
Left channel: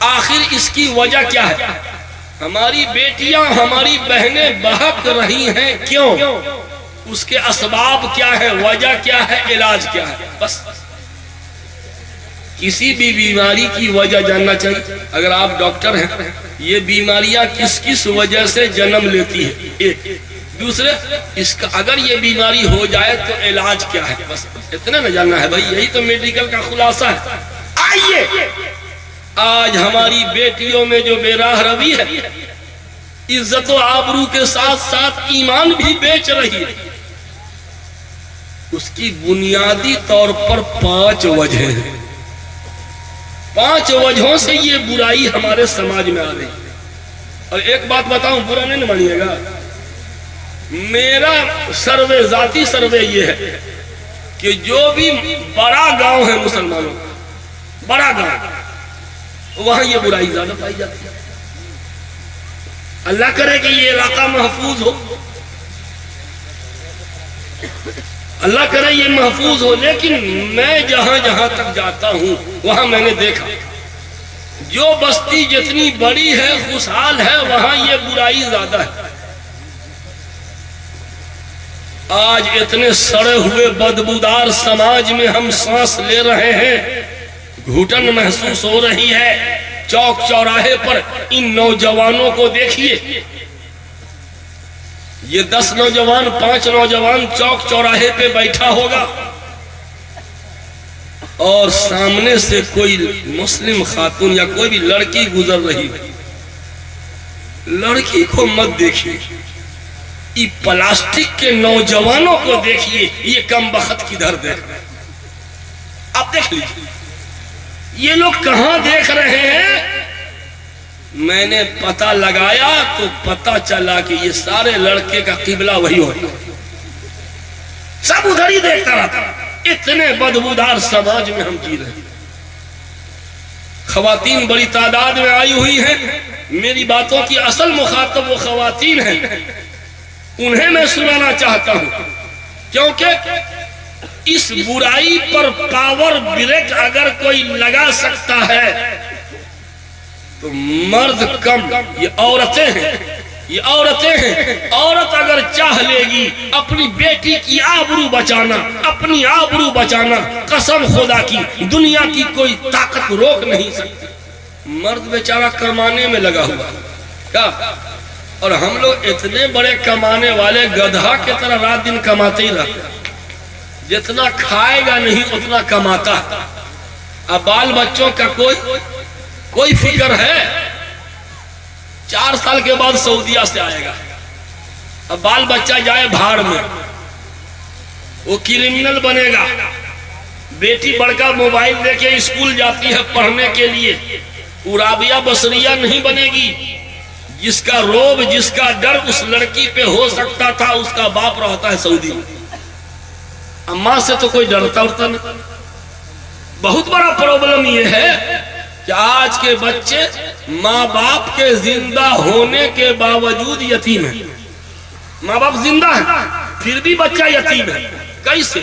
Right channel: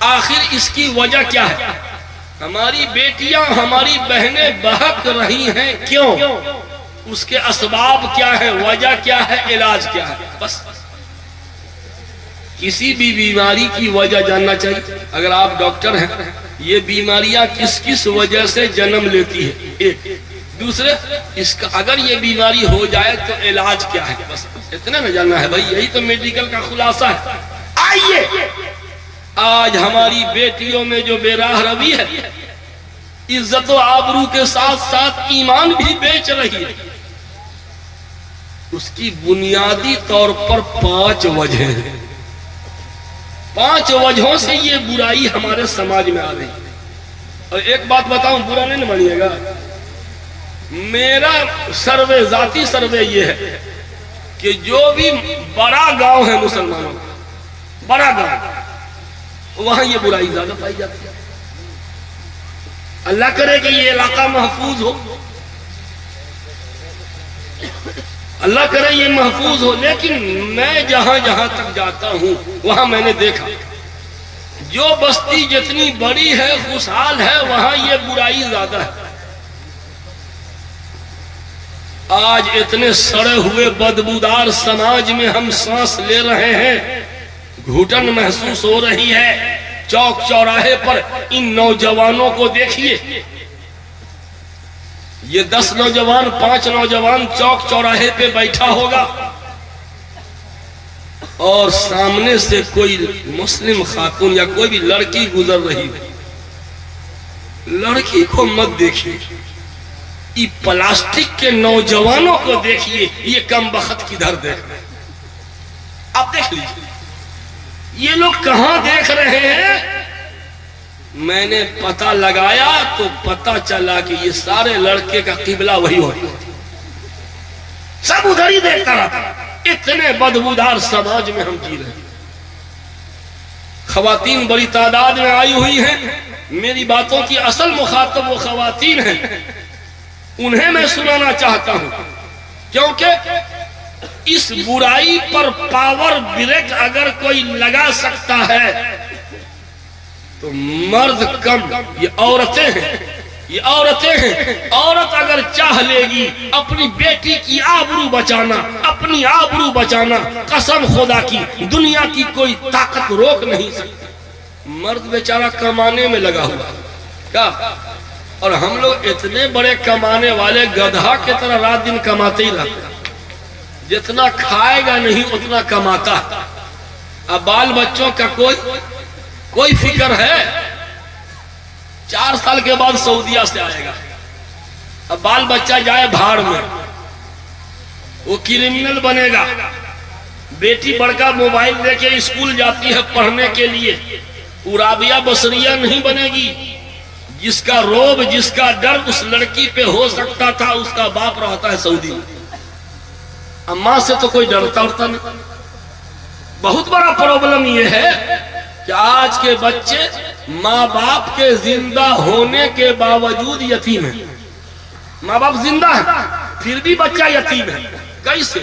آخر اس کی وجہ کیا ہے؟ ہماری بیٹیاں، ہماری بہنیں بہک رہی ہیں، کیوں؟ اس کے اسباب کیا ہے، وجہ کیا ہے، علاج کیا ہے؟ بس کسی بھی بیماری کی وجہ جاننا چاہیے۔ اگر آپ ڈاکٹر ہیں، یہ بیماریاں کس کس وجہ سے جنم لیتی ہے، ایک۔ دوسرے، اس کا اگر یہ بیماری ہو جائے تو علاج کیا ہے، بس اتنا نہ جاننا ہے بھائی، یہی تو میڈیکل کا خلاصہ ہے۔ آئیے، آج ہماری بیٹیوں میں جو بے راہ روی ہے، عزت و آبرو کے ساتھ ساتھ ایمان بھی بیچ رہی ہے، اس کی بنیادی طور پر 5 وجہ ہیں۔ 5 وجہوں سے یہ برائی ہمارے سماج میں آ رہی ہے۔ اور ایک بات بتاؤں، برا نہیں مانیے گا، میرا سروے، ذاتی سروے یہ ہے کہ جو بھی بڑا گاؤں ہے مسلمانوں کا، بڑا گاؤں، وہاں یہ برائی زیادہ پائی جاتی ہے۔ اللہ کرے کہ یہ علاقہ محفوظ ہو، اللہ کرے یہ محفوظ ہو، لیکن میں جہاں جہاں تک جاتا ہوں وہاں میں نے دیکھا جو بستی جتنی بڑی ہے، خوشحال ہے، وہاں یہ برائی زیادہ ہے۔ آج اتنے سڑے ہوئے بدبودار سماج میں ہم سانس لے رہے ہیں، گھٹن محسوس ہو رہی ہے۔ چوک چوراہے پر ان نوجوانوں کو دیکھیے، یہ 10 نوجوان، 5 نوجوان چوک چوراہے پہ بیٹھا ہوگا، اور سامنے سے کوئی مسلم خاتون یا کوئی بھی لڑکی گزر رہی ہے، لڑکی کو مت دیکھیے، یہ پلاسٹک کے نوجوانوں کو دیکھیے، یہ کم بخت کدھر دیکھ رہے ہیں؟ آپ دیکھ لیجیے یہ لوگ کہاں دیکھ رہے ہیں؟ میں نے پتہ لگایا تو پتہ چلا کہ یہ سارے لڑکے کا قبلہ وہی ہوتا ہے، سب ادھر ہی دیکھتا رہتا۔ اتنے بدبودار سماج میں ہم جی رہے ہیں۔ خواتین بڑی تعداد میں آئی ہوئی ہیں، میری باتوں کی اصل مخاطب وہ خواتین ہیں، انہیں میں سنانا چاہتا ہوں، کیونکہ اس برائی پر پاور بریک اگر کوئی لگا سکتا ہے تو مرد کم، یہ عورتیں ہیں، یہ عورتیں ہیں۔ عورت اگر چاہ لے گی اپنی بیٹی کی آبرو بچانا، اپنی آبرو بچانا، قسم خدا کی دنیا کی کوئی طاقت روک نہیں سکتی۔ مرد بیچارہ کمانے میں لگا ہوا کیا، اور ہم لوگ اتنے بڑے کمانے والے گدھا کی طرح رات دن کماتے ہی رہتے، جتنا کھائے گا نہیں اتنا کماتا۔ اب بال بچوں کا کوئی فکر ہے؟ 4 سال کے بعد سعودیہ سے آئے گا، اب بال بچہ جائے بھاڑ میں، وہ کرمنل بنے گا۔ بیٹی بڑکا موبائل لے کے اسکول جاتی ہے پڑھنے کے لیے، عرابیہ بصریہ نہیں بنے گی۔ جس کا روب، جس کا ڈر اس لڑکی پہ ہو سکتا تھا، اس کا باپ رہتا ہے سعودی میں۔ اماں سے تو کوئی ڈرتا ہوتا نہیں۔ بہت بڑا پرابلم یہ ہے کہ آج کے بچے ماں باپ کے زندہ ہونے کے باوجود یتیم ہیں۔ ماں باپ زندہ ہیں پھر بھی بچہ یتیم ہے۔ کیسے؟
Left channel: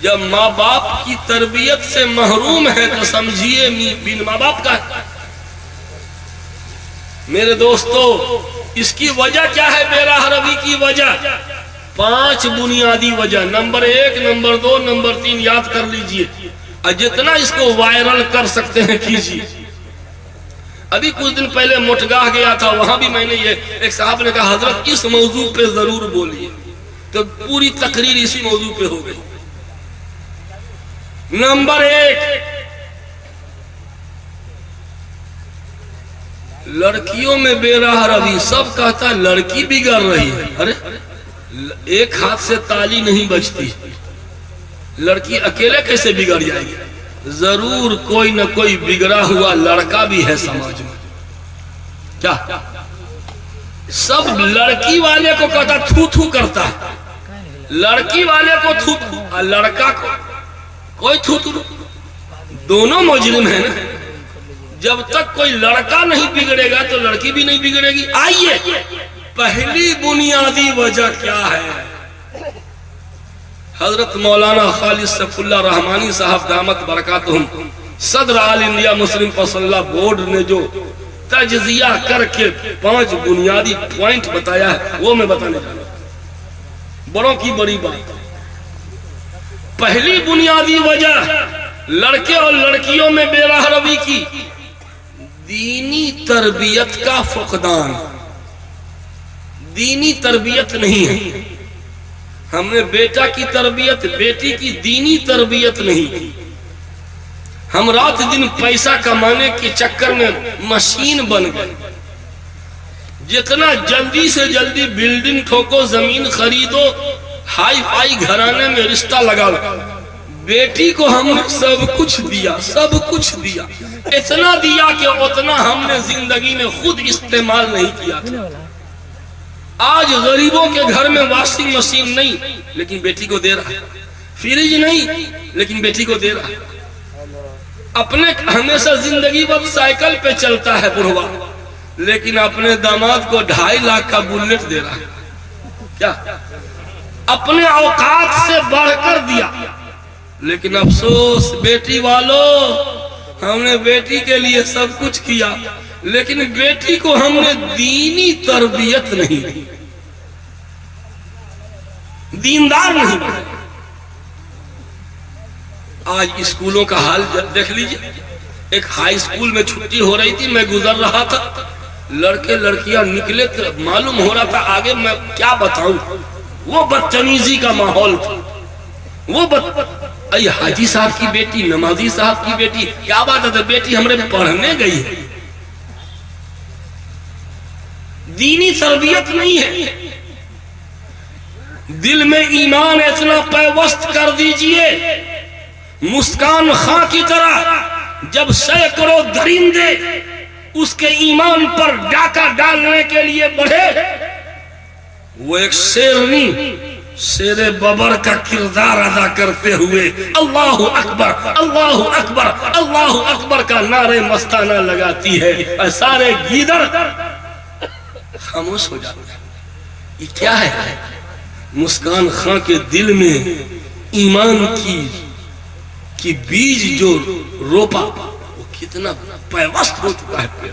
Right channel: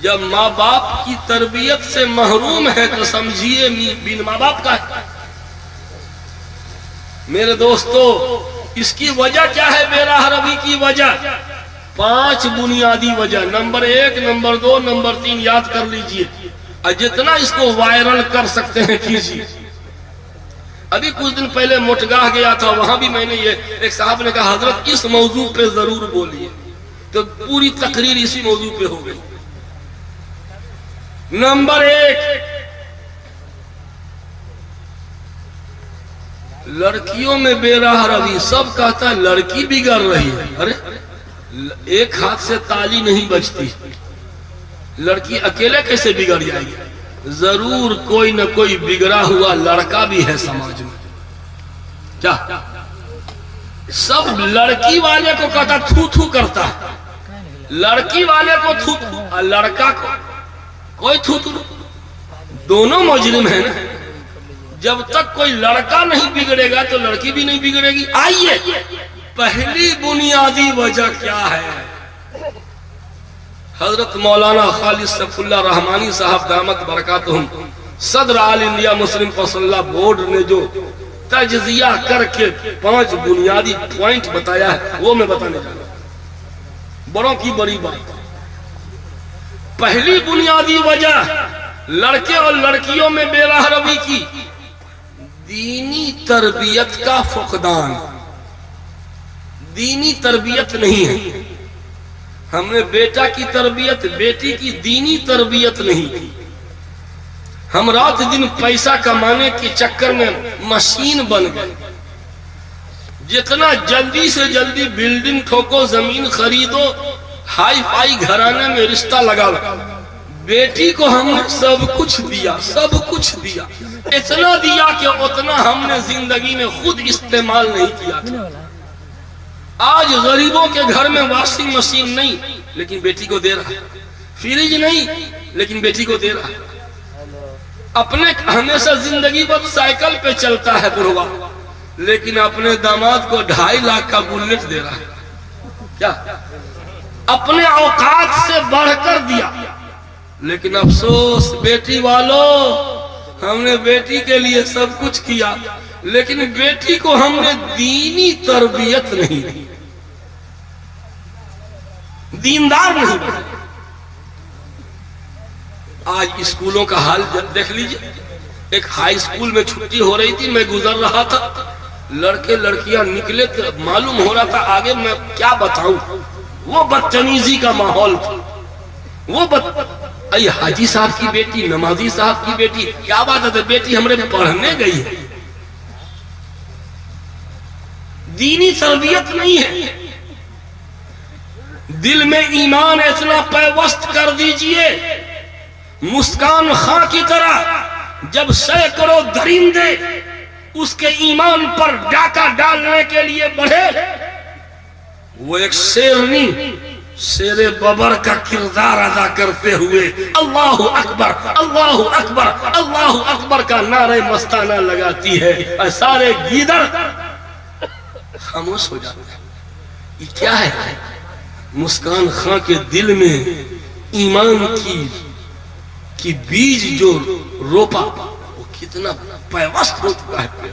جب ماں باپ کی تربیت سے محروم ہے تو سمجھیے بن ماں باپ کا ہے۔ میرے دوستو، اس کی وجہ کیا ہے؟ بے راہ روی کی وجہ 5 بنیادی وجہ، نمبر 1، نمبر 2، نمبر 3 یاد کر لیجئے، اور جتنا اس کو وائرل کر سکتے ہیں کیجئے۔ ابھی کچھ دن پہلے مٹگاہ گیا تھا، وہاں بھی میں نے ایک صاحب نے کہا حضرت اس موضوع پہ ضرور بولیے، تو پوری تقریر اسی موضوع پہ ہو گئی۔ نمبر 1، لڑکیوں میں بے راہ روی۔ سب کہتا ہے لڑکی بگڑ رہی ہے، ارے ایک ہاتھ سے تالی نہیں بجتی، لڑکی اکیلے کیسے بگڑ جائے گی؟ ضرور کوئی نہ کوئی بگڑا ہوا لڑکا بھی ہے سماج میں۔ کیا سب لڑکی والے کو کہتا تھو تھو کرتا ہے، لڑکی والے کو تھو تھو، اور لڑکا کو کوئی تھو تھو، دونوں مجرم ہیں نا۔ جب تک کوئی لڑکا نہیں بگڑے گا تو لڑکی بھی نہیں بگڑے گی۔ آئیے، پہلی بنیادی وجہ کیا ہے؟ حضرت مولانا خالد سیف اللہ رحمانی صاحب دامت برکاتہم صدر آل انڈیا مسلم فضل بورڈ نے جو تجزیہ کر کے 5 بنیادی پوائنٹ بتایا ہے وہ میں بتانے جا رہا ہوں، بڑوں کی بڑی بات۔ پہلی بنیادی وجہ لڑکے اور لڑکیوں میں بے راہ روی کی دینی تربیت کا فقدان۔ دینی تربیت نہیں ہے۔ ہم نے بیٹا کی تربیت، بیٹی کی دینی تربیت نہیں کی۔ ہم رات دن پیسہ کمانے کے چکر میں مشین بن گئے، جتنا جلدی سے جلدی بلڈنگ ٹھوکو، زمین خریدو، ہائی فائی گھرانے میں رشتہ لگا۔ بیٹی کو ہم نے سب کچھ دیا، سب کچھ دیا، اتنا دیا کہ اتنا ہم نے زندگی میں خود استعمال نہیں کیا تھا۔ آج غریبوں کے گھر میں واشنگ مشین نہیں لیکن بیٹی کو دے رہا ہے، فریج نہیں لیکن بیٹی کو دے رہا ہے، اپنے ہمیشہ زندگی بھر سائیکل پہ چلتا ہے بڑھوا، لیکن اپنے داماد کو 2.5 لاکھ کا بلٹ دے رہا ہے۔ کیا اپنے اوقات سے بڑھ کر دیا، لیکن افسوس بیٹی والوں، ہم نے بیٹی کے لیے سب کچھ کیا لیکن بیٹی کو ہم نے دینی تربیت نہیں دی، دیندار نہیں بنا۔ آج اسکولوں کا حال دیکھ لیجئے۔ ایک ہائی اسکول میں چھٹی ہو رہی تھی، میں گزر رہا تھا، لڑکے لڑکیاں نکلے تو معلوم ہو رہا تھا آگے میں کیا بتاؤں، وہ بدتمیزی کا ماحول تھا۔ وہ اے حاجی صاحب کی بیٹی، نمازی صاحب کی بیٹی، کیا بات ہے، بیٹی ہمارے پڑھنے گئی ہے۔ دینی تربیت نہیں ہے۔ دل میں ایمان اتنا پیوست کر دیجئے، مسکان خاں کی طرح، جب سینکڑوں درندے اس کے ایمان پر ڈاکہ ڈالنے کے لیے بڑھے، وہ ایک شیرنی شیر ببر کا کردار ادا کرتے ہوئے اللہ اکبر اللہ اکبر اللہ اکبر کا نعرہ مستانہ لگاتی ہے اور سارے گیدڑ خاموش ہو جاتے ہیں۔ یہ کیا ہے؟ مسکان خاں کے دل میں ایمان کی بیج جو روپا وہ کتنا پیوست ہو چکا ہے۔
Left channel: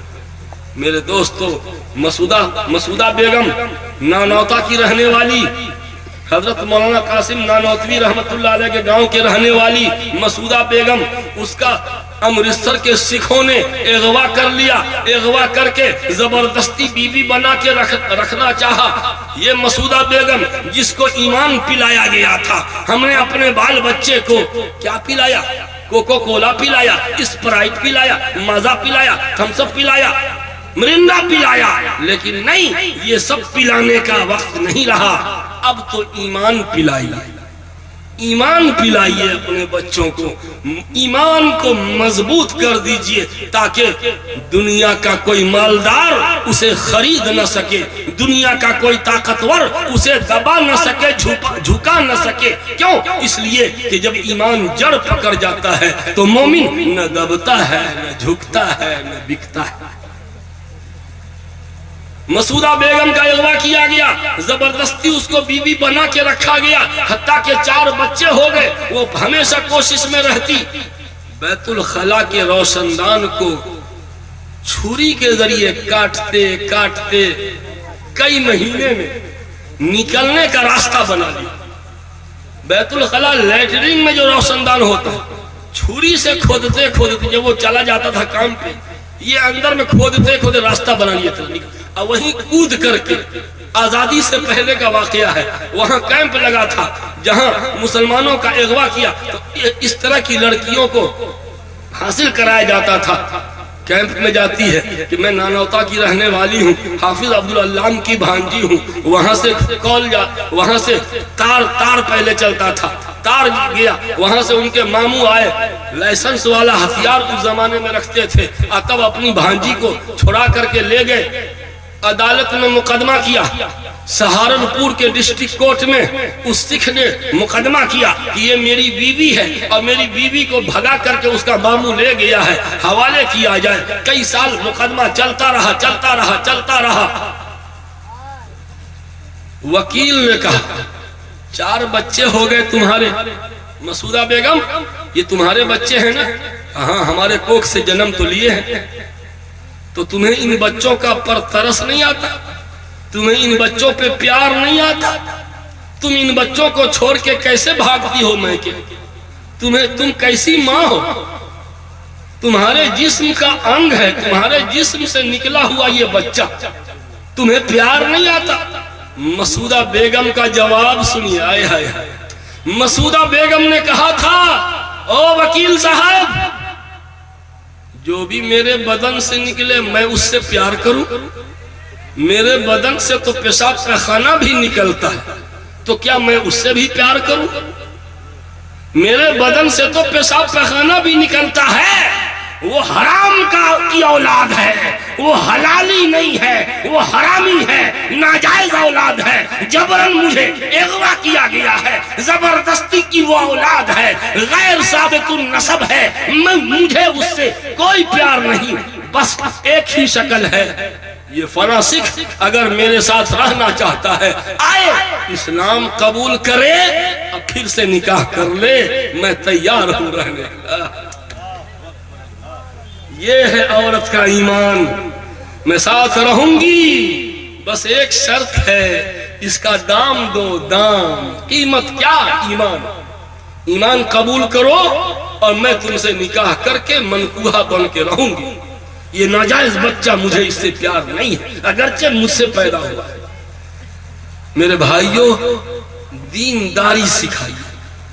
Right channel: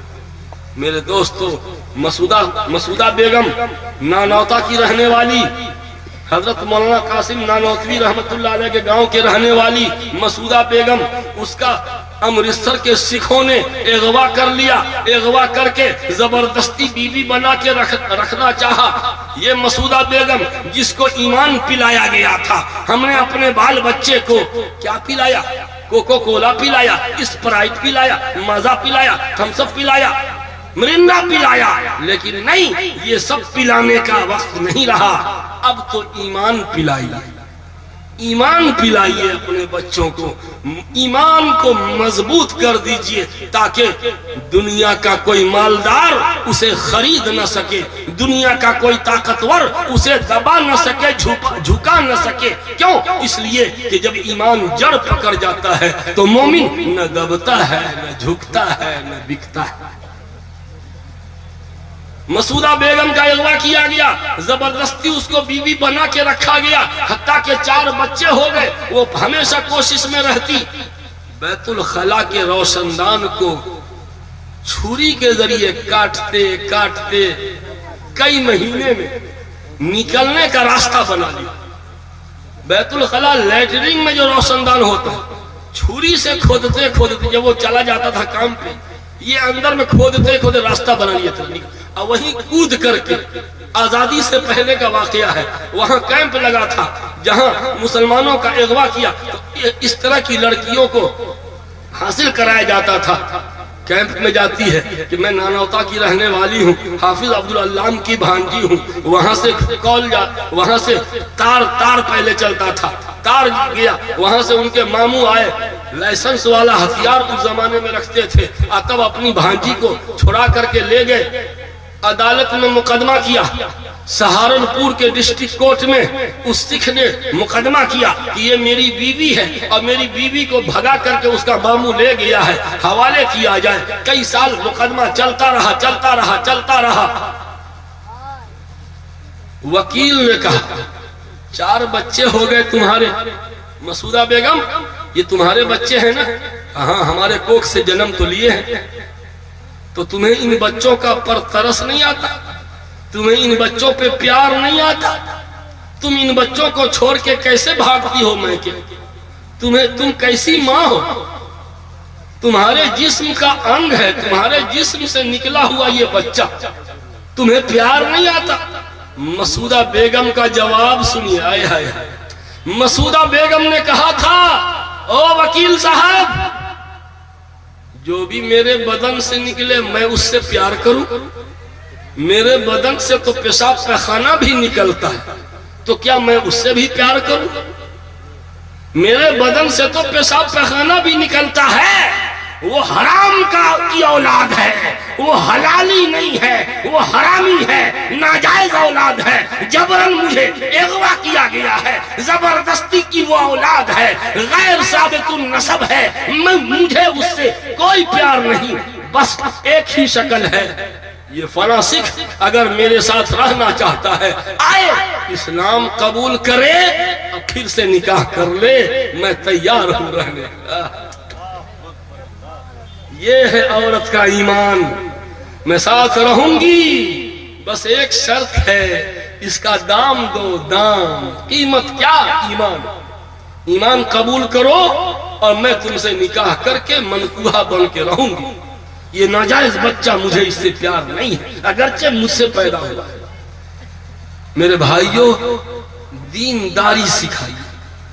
میرے دوستو، مسعودہ بیگم نانوتا کی رہنے والی، حضرت مولانا قاسم نانوتوی رحمت اللہ علیہ کے گاؤں کے رہنے والی مسعودہ بیگم، اس کا امرتسر کے سکھوں نے اغوا کر لیا، اغوا کر کے زبردستی بیوی بنا کے رکھنا چاہا۔ یہ مسعودہ بیگم جس کو ایمان پلایا گیا تھا، ہم نے اپنے بال بچے کو کیا پلایا؟ کوکو کولا پلایا، اسپرائٹ پلایا، مازا پلایا، تھمس اپ پلایا، مرندا پلایا، لیکن نہیں، یہ سب پلانے کا وقت نہیں رہا۔ اب تو ایمان پلائیے، ایمان پلائیے اپنے بچوں کو، ایمان کو مضبوط کر دیجئے تاکہ دنیا کا کوئی مالدار اسے خرید نہ سکے، دنیا کا کوئی طاقتور اسے دبا نہ سکے، جھکا نہ سکے۔ کیوں؟ اس لیے کہ جب ایمان جڑ پکڑ جاتا ہے تو مومن نہ دبتا ہے، نہ جھکتا ہے، نہ بکتا ہے۔ مسعودہ بیگم کا اغوا کیا گیا، زبردستی اس کو بیوی بنا کے رکھا گیا، حتیٰ کہ 4 بچے ہو گئے۔ وہ ہمیشہ کوشش میں رہتی بیت الخلا کے روشندان کو چھری کے ذریعے کاٹتے کاٹتے کئی مہینے میں نکلنے کا راستہ بنا لیا۔ بیت الخلا لیٹرنگ میں جو روشندان ہوتا ہے، چھری سے کھودتے کھودتے جب وہ چلا جاتا تھا کام پہ، یہ اندر میں کھودتے کھودتے راستہ بنا لیا تھا، اور وہیں کود کر کے آزادی سے پہلے کا واقعہ ہے، وہاں کیمپ لگا تھا جہاں مسلمانوں کا اغوا کیا تو اس طرح کی لڑکیوں کو حاصل کرایا جاتا تھا۔ کیمپ میں جاتی ہے کہ میں نانوتا کی رہنے والی ہوں، حافظ عبدالعلام کی بھانجی ہوں، وہاں سے وہاں سے تار پہلے چلتا تھا، تار گیا، وہاں سے ان کے ماموں آئے، لائسنس والا ہتھیار اس زمانے میں رکھتے تھے، تب اپنی بھانجی کو چھڑا کر کے لے گئے، عدالت میں مقدمہ کیا۔ سہارنپور کے ڈسٹرکٹ کورٹ میں اس سکھ نے مقدمہ کیا کہ یہ میری بیوی ہے اور میری بیوی کو بھگا کر کے اس کا ماموں لے گیا ہے، حوالے کیا جائے۔ کئی سال مقدمہ چلتا رہا چلتا رہا چلتا رہا۔ وکیل نے کہا 4 بچے ہو گئے تمہارے، مسعودہ بیگم یہ تمہارے بچے ہیں نا؟ ہاں، ہمارے کوکھ سے جنم تو لیے ہیں، تو تمہیں ان بچوں کا پر ترس نہیں آتا؟ تمہیں ان بچوں پہ پیار نہیں آتا؟ تم ان بچوں کو چھوڑ کے کیسے بھاگتی ہو میکے؟ تم کیسی ماں ہو؟ تمہارے جسم کا انگ ہے، تمہارے جسم سے نکلا ہوا یہ بچہ، تمہیں پیار نہیں آتا؟ مسعودہ بیگم کا جواب سنیے، آئے ہائے ہائے۔ مسعودہ بیگم نے کہا تھا، او وکیل صاحب، جو بھی میرے بدن سے نکلے میں اس سے پیار کروں؟ میرے بدن سے تو پیشاب پیخانہ بھی نکلتا ہے، تو کیا میں اس سے بھی پیار کروں؟ میرے بدن سے تو پیشاب پیخانہ بھی نکلتا ہے، وہ حرام کی اولاد ہے، وہ حلالی نہیں ہے، وہ حرامی ہے، ناجائز اولاد ہے، جبرن مجھے اغوا کیا گیا ہے، زبردستی کی وہ اولاد ہے، غیر ثابت النسب ہے، مجھے اس سے کوئی پیار نہیں، بس ایک ہی شکل ہے، یہ فلاں سکھ اگر میرے ساتھ رہنا چاہتا ہے آئے، اسلام قبول کرے اور پھر سے نکاح کر لے، میں تیار ہوں رہنے۔ یہ ہے عورت کا ایمان، میں ساتھ رہوں گی، بس ایک شرط ہے، اس کا دام دو، دام، قیمت کیا؟ ایمان قبول کرو اور میں تم سے نکاح کر کے منکوہا بن کے رہوں گی۔ یہ ناجائز بچہ مجھے اس سے پیار نہیں ہے، اگرچہ مجھ سے پیدا ہوا ہے۔ میرے بھائیوں، دینداری سکھائیے،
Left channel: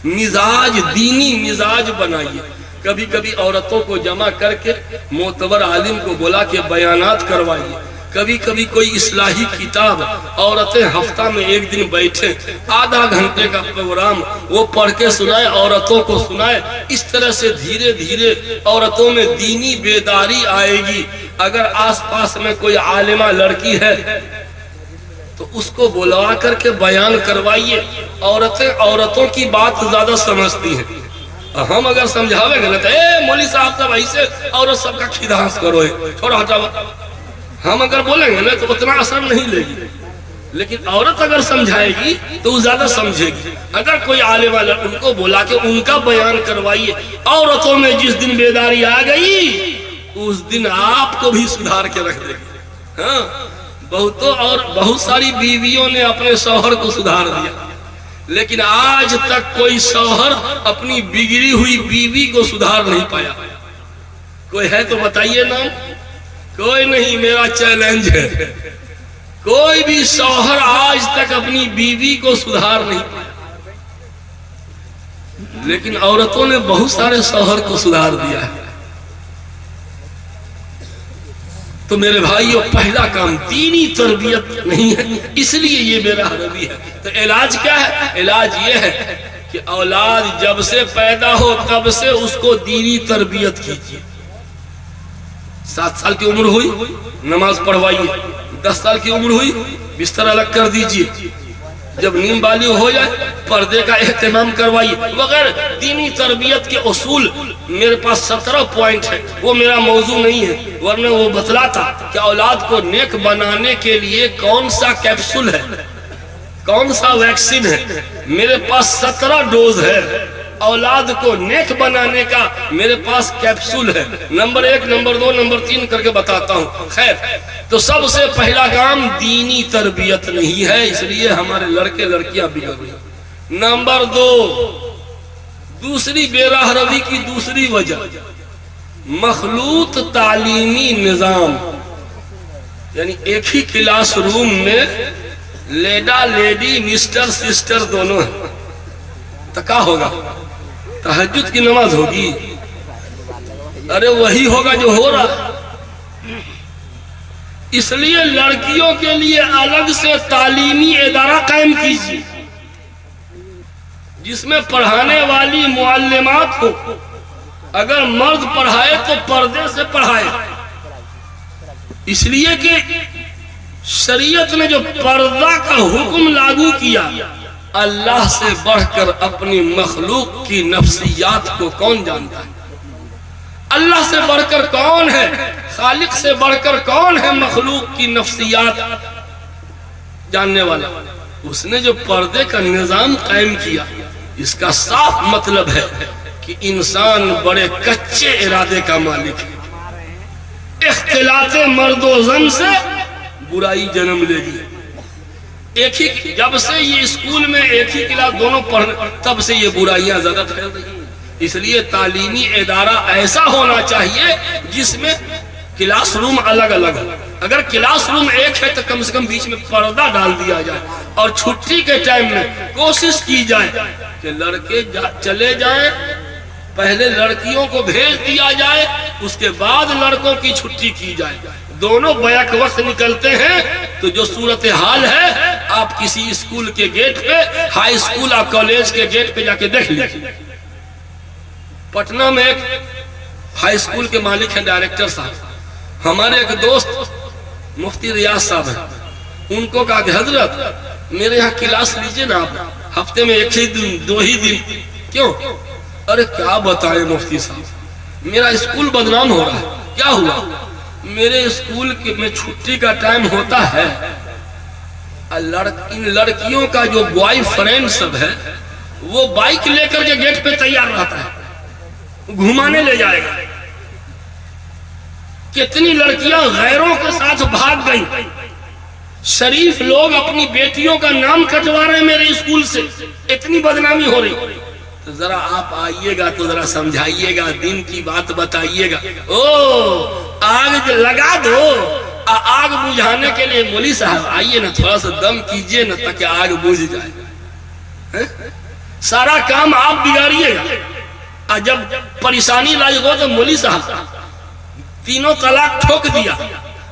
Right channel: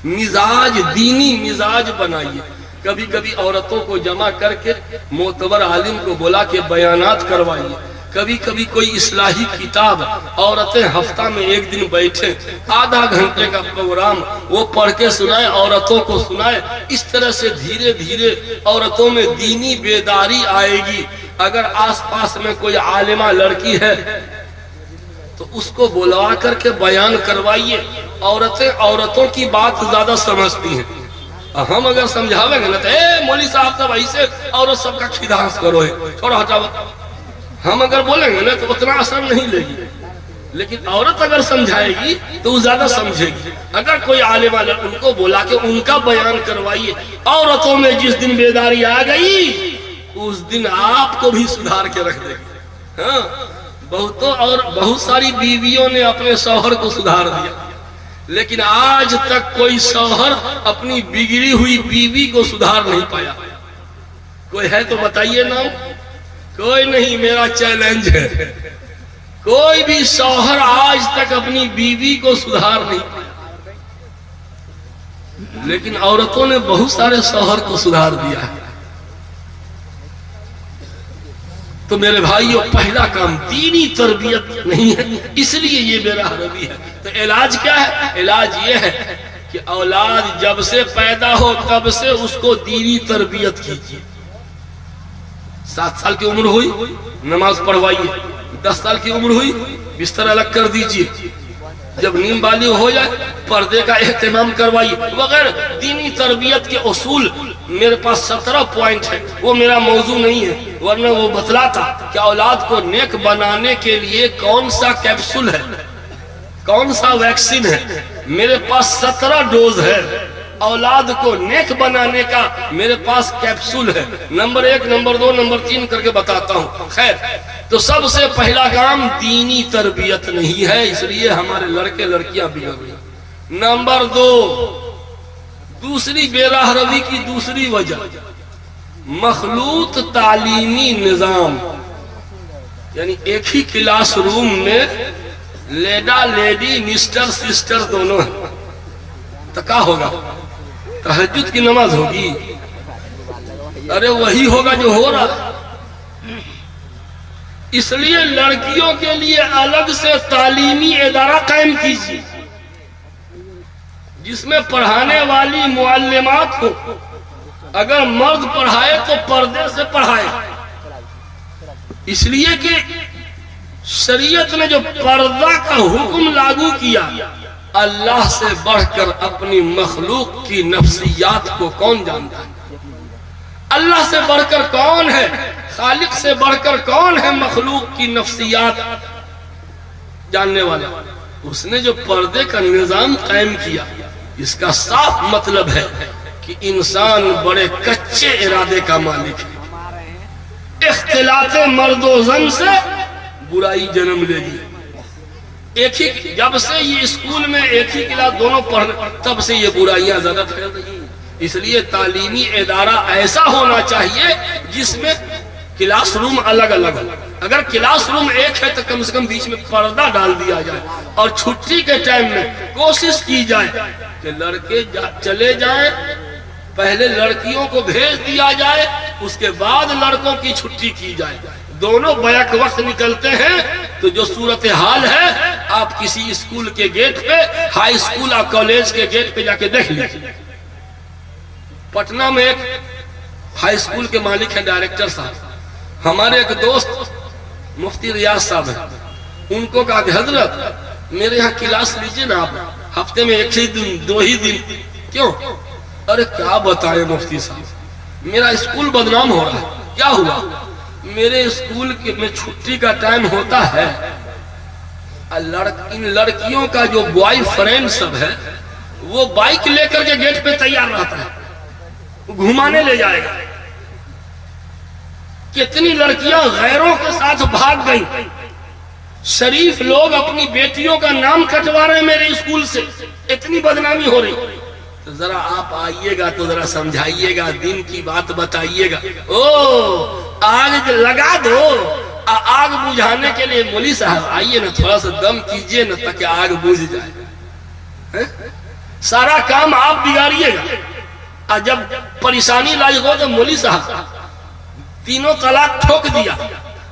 مزاج دینی مزاج بنائیے۔ کبھی کبھی عورتوں کو جمع کر کے معتبر عالم کو بلا کے بیانات کروائیے، کبھی کبھی کوئی اصلاحی کتاب عورتیں ہفتہ میں ایک دن بیٹھیں، آدھا گھنٹے کا پروگرام وہ پڑھ کے سنائے، عورتوں کو سنائے. اس طرح سے دھیرے دھیرے عورتوں میں دینی بیداری آئے گی. اگر آس پاس میں کوئی عالمہ لڑکی ہے تو اس کو بلوا کر کے بیان کروائیے. عورتیں عورتوں کی بات زیادہ سمجھتی ہیں. ہم اگر سمجھاویں گے نا تو اے مولوی صاحب سب ایسے عورت سب کا کھیدانس کرو ہے، تھوڑا ہٹاؤ. ہم اگر بولیں گے نا تو اتنا اثر نہیں لے گی، لیکن عورت اگر سمجھائے گی تو وہ زیادہ سمجھے گی. اگر کوئی عالم والا ان کو بولا کہ ان کا بیان کروائیے. عورتوں میں جس دن بیداری آ گئی اس دن آپ کو بھی سدھار کے رکھ دے گی. ہاں، بہت ساری بیویوں نے اپنے شوہر کو سدھار دیا، لیکن آج تک کوئی شوہر اپنی بگڑی ہوئی بیوی کو سدھار نہیں پایا. کوئی ہے تو بتائیے نا. کوئی نہیں. میرا چیلنج ہے، کوئی بھی شوہر آج تک اپنی بیوی کو سدھار نہیں پایا. لیکن عورتوں نے بہت سارے شوہر کو سدھار دیا ہے. تو میرے بھائیوں، پہلا کام دینی تربیت نہیں ہے، اس لیے یہ بے راہ روی ہے. تو علاج کیا ہے؟ علاج یہ ہے کہ اولاد جب سے پیدا ہو تب سے اس کو دینی تربیت کیجیے. 7 سال کی عمر ہوئی نماز پڑھوائیے، 10 سال کی عمر ہوئی بستر الگ کر دیجیے، جب نیم بالغ ہو جائے پردے کا اہتمام کروائیے وغیرہ. دینی تربیت کے اصول میرے پاس 17 پوائنٹ ہے، وہ میرا موضوع نہیں ہے، ورنہ وہ بتلاتا کہ اولاد کو نیک بنانے کے لیے کون سا کیپسول ہے، کون سا ویکسین ہے. میرے پاس 17 ڈوز ہے. اولاد کو نیک بنانے کا میرے پاس کیپسول ہے. نمبر 1، نمبر 2، نمبر 3 کر کے بتاتا ہوں. خیر، تو سب سے پہلا کام دینی تربیت نہیں ہے، اس لیے ہمارے لڑکے لڑکیاں بگڑ گئے. نمبر 2، دوسری بے راہ روی کی دوسری وجہ مخلوط تعلیمی نظام. یعنی ایک ہی کلاس روم میں لیڈا لیڈی مسٹر سسٹر دونوں ہیں، تو کیا ہوگا؟ تہجد کی نماز ہوگی؟ ارے وہی ہوگا جو ہو رہا. اس لیے لڑکیوں کے لیے الگ سے تعلیمی ادارہ قائم کیجیے جس میں پڑھانے والی معلمات ہو. اگر مرد پڑھائے تو پردے سے پڑھائے، اس لیے کہ شریعت نے جو پردہ کا حکم لاگو کیا، اللہ سے بڑھ کر اپنی مخلوق کی نفسیات کو کون جانتا ہے؟ اللہ سے بڑھ کر کون ہے؟ خالق سے بڑھ کر کون ہے مخلوق کی نفسیات جاننے والا؟ اس نے جو پردے کا نظام قائم کیا، اس کا صاف مطلب ہے کہ انسان بڑے کچے ارادے کا مالک ہے. اختلاط مرد و زن سے برائی جنم لے گی. ایک ہی جب سے یہ اسکول میں ایک ہی کلاس دونوں پڑھنے، تب سے یہ برائیاں زیادہ پھیل رہی ہیں. اس لیے تعلیمی ادارہ ایسا ہونا چاہیے جس میں کلاس روم الگ الگ ہو. اگر کلاس روم ایک ہے تو کم سے کم بیچ میں پردہ ڈال دیا جائے، اور چھٹی کے ٹائم میں کوشش کی جائے کہ لڑکے چلے جائیں، پہلے لڑکیوں کو بھیج دیا جائے، اس کے بعد لڑکوں کی چھٹی کی جائے. دونوں بیک وقت نکلتے ہیں تو جو صورتحال ہے آپ کسی اسکول کے گیٹ پہ، ہائی اسکول اور کالج کے گیٹ پہ جا کے دیکھ لیجیے. پٹنہ میں ایک ہائی اسکول کے مالک ہیں ڈائریکٹر صاحب. ہمارے ایک دوست مفتی ریاض صاحب ہیں، ان کو کہا کہ حضرت میرے یہاں کلاس لیجئے نا آپ، ہفتے میں 1 ہی دن 2 ہی دن. کیوں؟ ارے کیا بتائیں مفتی صاحب، میرا اسکول بدنام ہو رہا ہے. کیا ہوا؟ میرے اسکول میں چھٹی کا ٹائم ہوتا ہے، ان لڑکیوں کا جو بوائے فرینڈ سب ہے وہ بائک لے کر کے گیٹ پہ تیار رہتا ہے، گھمانے لے جائے گا. کتنی لڑکیاں غیروں کے ساتھ بھاگ گئیں. شریف لوگ اپنی بیٹیوں کا نام کٹوا رہے ہیں میرے اسکول سے، اتنی بدنامی ہو رہی. تو ذرا آپ آئیے گا تو ذرا سمجھائیے گا، دین کی بات بتائیے گا. آگ لگا دو، آگ بجھانے کے لیے مولوی صاحب آئیے نا، تھوڑا سا دم کیجئے نا تاکہ آگ بجھ جائے. سارا کام آپ بگاڑیے گا. جب پریشانی لائی ہو تو مولوی صاحب 3 طلاق ٹھوک دیا،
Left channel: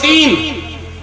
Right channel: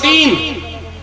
3,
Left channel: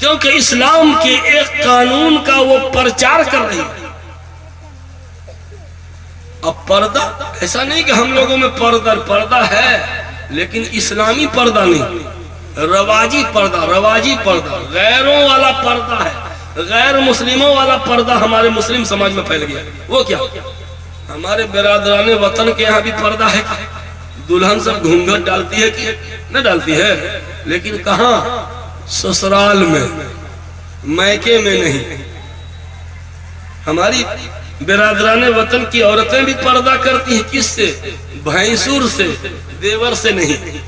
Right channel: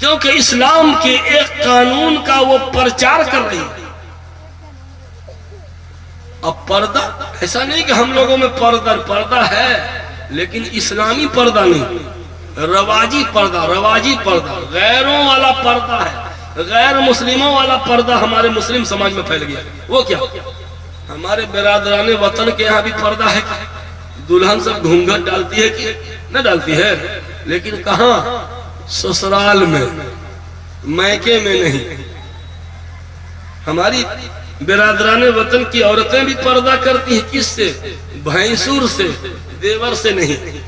کیونکہ اسلام کے ایک قانون کا وہ پرچار کر رہی ہے. اب پردہ ایسا نہیں کہ ہم لوگوں میں پردہ ہے لیکن اسلامی پردہ نہیں، رواجی پردہ غیروں والا پردہ ہے، غیر مسلموں والا پردہ ہمارے مسلم سماج میں پھیل گیا. وہ کیا؟ ہمارے برادران وطن کے یہاں بھی پردہ ہے، دلہن سب گھونگھٹ ڈالتی ہے کہ نہ ڈالتی ہے، لیکن کہاں؟ سسرال میں، میکے میں نہیں. ہماری برادران وطن کی عورتیں بھی پردہ کرتی ہیں. کس سے؟ بھینسور سے، دیور سے نہیں.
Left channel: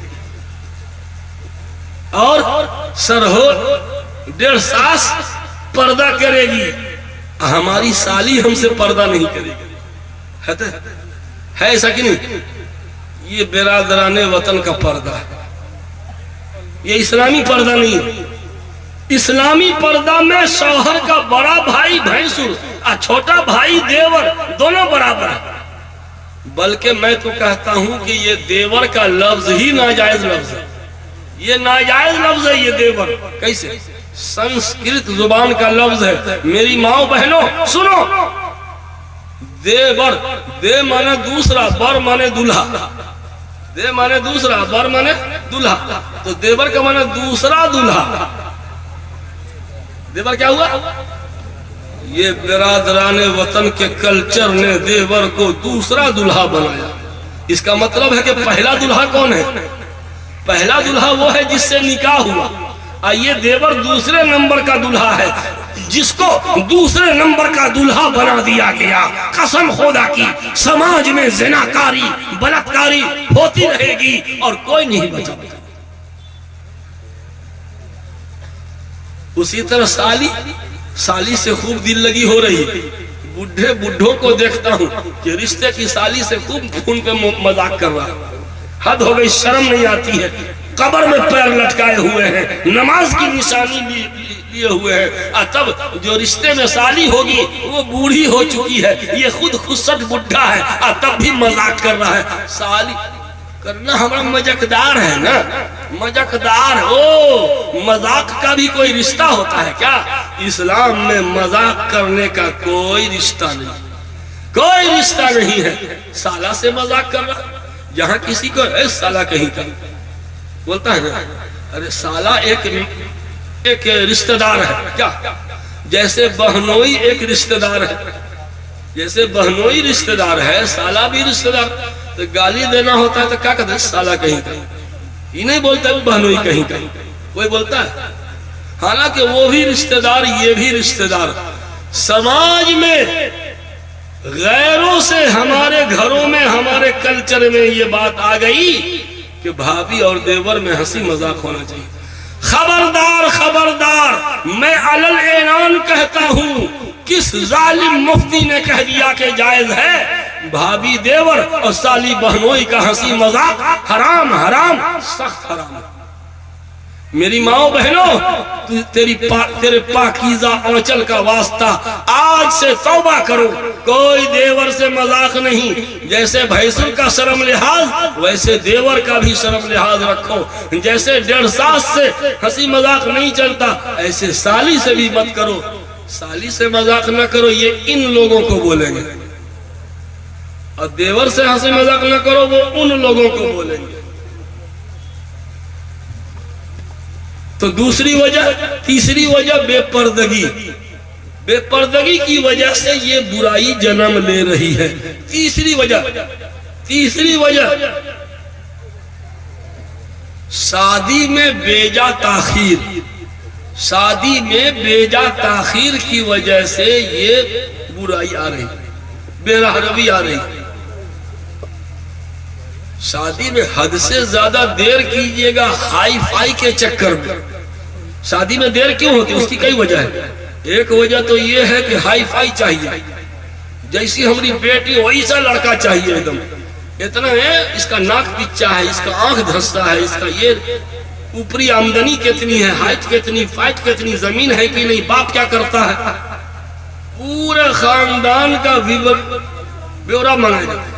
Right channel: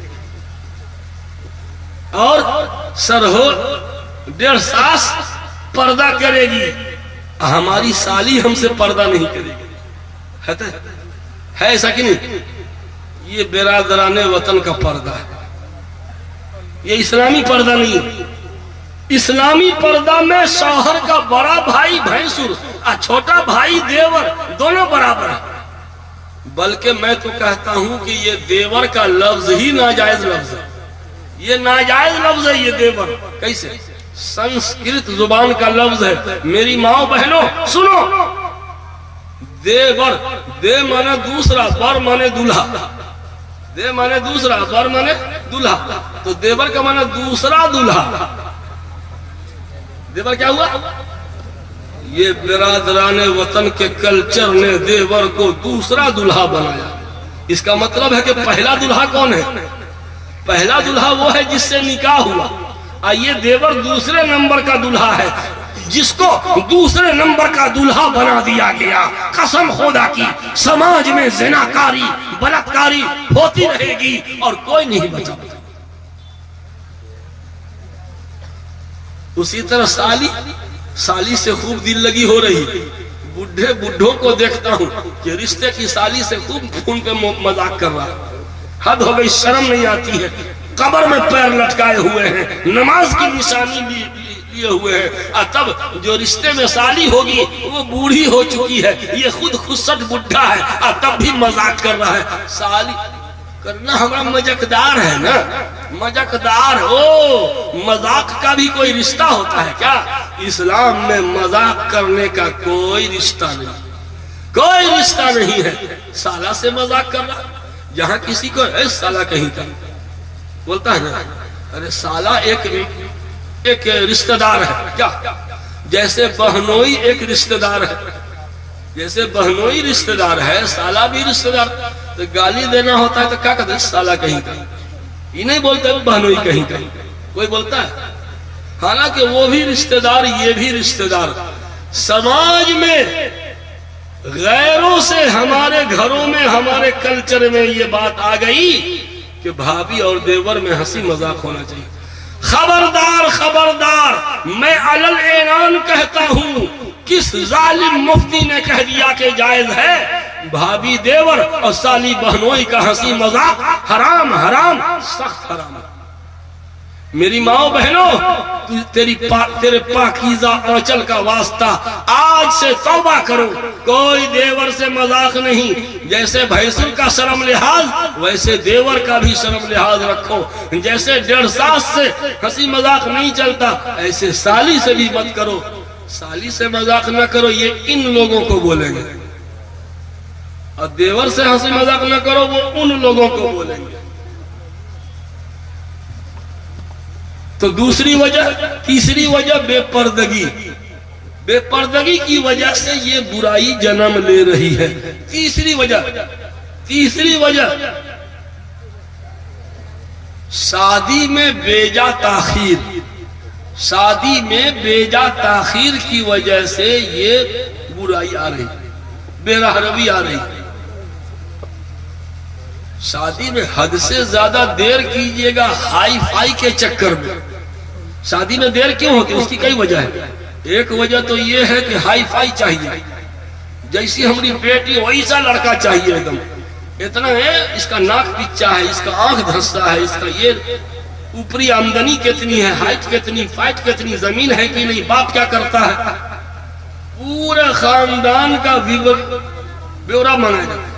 اور سرہو 1.5 ساس پردہ کرے گی، ہماری سالی ہم سے پردہ نہیں کرے گی. ہے ایسا کہ نہیں؟ یہ برادران وطن کا پردہ ہے، یہ اسلامی پردہ نہیں. اسلامی پردہ میں شوہر کا بڑا بھائی بھینسور اور چھوٹا بھائی دیور دونوں برابر ہیں. بلکہ میں تو کہتا ہوں کہ یہ دیور کا لفظ ہی ناجائز لفظ ہے. یہ ناجائز لفظ ہے. یہ دیور کیسے؟ سنسکرت زبان کا لفظ ہے. میری ماں بہنوں سنو، دیور، دے مانے دوسرا، بر مانے دلہا. دے مانے دوسرا، بر مانے دلہا. تو دیور کا مانے دوسرا دلہا. دیور کیا ہوا؟ یہ برادران وطن کے کلچر نے دیور کو دوسرا دلہا بنایا. اس کا مطلب ہے کہ پہلا دلہا کون ہے؟ پہلا دلہا وہ ہے جس سے نکاح ہوا، اور یہ دیور دوسرے نمبر کا دلہا ہے جس کو دوسرے نمبر کا دلہا بنا دیا گیا. قسم خدا کی سماج میں زناکاری بلاکاری ہوتی رہے گی اور کوئی نہیں بچا. اسی طرح سالی سے خوب دل لگی ہو رہی ہے. بڈھوں کو دیکھتا ہوں کہ رشتے کی سالی سے خوب خون پہ مذاق کر رہا ہے. حد ہو گئی، شرم نہیں آتی ہے. قبر میں پیر لٹکائے ہوئے ہیں، نماز کی نشانی لیے ہوئے ہیں، اور تب جو رشتے میں سالی ہوگی وہ بوڑھی ہو چکی ہے. یہ خود خسٹ بڈھا ہے اور تب بھی مذاق کر رہا ہے. سالی کرنا ہمارا مزاقدار ہے نا، مزاقدار. مذاق کا بھی کوئی رشتہ ہوتا ہے کیا؟ اسلام میں مذاق کرنے کا کوئی رشتہ نہیں، کوئی رشتہ نہیں ہے. سالہ سے مذاق کرنا، جہاں کسی کو اے سالہ کہیں کا بولتا ہے نا، ارے سالہ ایک رشتہ دار ہے کیا؟ جیسے بہنوئی ایک رشتہ دار ہے، جیسے بہنوئی رشتہ دار ہے، سالہ بھی رشتہ دار. تو گالی دینا ہوتا ہے تو کیا کہتے ہیں؟ سالہ کہیں کا. یہ نہیں بولتا ہے بہنوئی کہیں کا. کوئی بولتا ہے؟ حالانکہ وہ بھی رشتہ دار، یہ بھی رشتہ دار. سماج میں غیروں سے ہمارے گھروں میں، ہمارے کلچر میں یہ بات آ گئی کہ بھابھی اور دیور میں ہنسی مذاق ہونا چاہیے. خبردار خبردار، میں علل اعلان کہتا ہوں، کس ظالم مفتی نے کہہ دیا کہ جائز ہے بھابھی دیور اور سالی بہنوئی کا ہنسی مذاق؟ حرام، حرام، سخت حرام. میری ماں بہنوں، تیرے پاکیزہ آنچل کا واسطہ، آج سے توبہ کرو. کوئی دیور سے مذاق نہیں. جیسے بھینسور کا شرم لحاظ ویسے دیور کا بھی شرم لحاظ رکھو. جیسے 1.5 ساس سے ہنسی مذاق نہیں چلتا، ایسے سالی سے بھی مت کرو. سالی سے مذاق نہ کرو، یہ ان لوگوں کو بولیں گے. اور دیور سے ہنسی مذاق نہ کرو، وہ ان لوگوں کو بولیں گے. تو دوسری وجہ، تیسری وجہ بے پردگی. بے پردگی کی وجہ سے یہ برائی جنم لے رہی ہے. تیسری وجہ شادی میں بیجا تاخیر. شادی میں بیجا تاخیر کی وجہ سے یہ برائی آ رہی، بے رحمی آ رہی. شادی میں حد سے زیادہ دیر کیجئے گا ہائی فائی کے چکر میں. شادی میں دیر کیوں ہوتی؟ اس کی کئی وجہ ہے. ایک وجہ تو یہ ہے کہ ہائی فائی چاہیے، جیسی ہماری بیٹی ویسا لڑکا چاہیے. ایک دم اتنا ہے، اس کا ناک پچا ہے، اس کا آنکھ دھنستا ہے، اس کا یہ اوپری آمدنی کتنی ہے، ہائٹ کتنی، فائٹ کتنی، زمین ہے کہ نہیں، باپ کیا کرتا ہے، پورے خاندان کا بیورا مانگا جاتا ہے.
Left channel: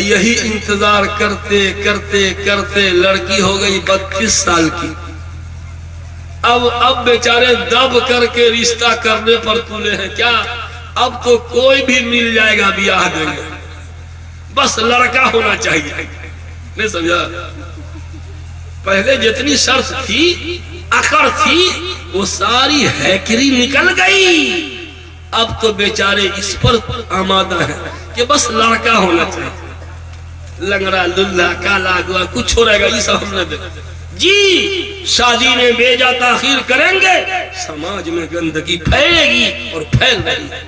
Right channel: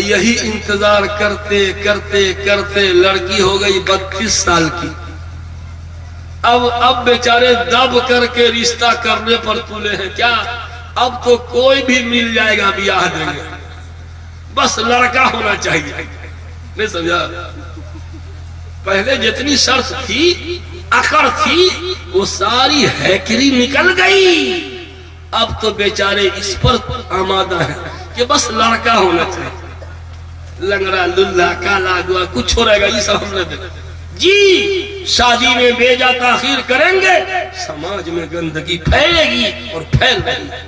یہی انتظار کرتے کرتے کرتے لڑکی ہو گئی 32 سال کی. اب بیچارے دب کر کے رشتہ کرنے پر تلے ہیں کیا؟ اب تو کوئی بھی مل جائے گا بیاہ دیں گے، بس لڑکا ہونا چاہیے. نہیں سمجھا؟ پہلے جتنی شرط تھی، اکڑ تھی، وہ ساری ہیکری نکل گئی. اب تو بیچارے اس پر آمادہ ہیں کہ بس لڑکا ہونا چاہیے. لنگڑا للہ کالا گوا کچھ ہو رہے گا، یہ سب ہم نے دیکھا. جی شادی میں بیجا تاخیر کریں گے، سماج میں گندگی پھیلے گی اور پھیل رہی ہے.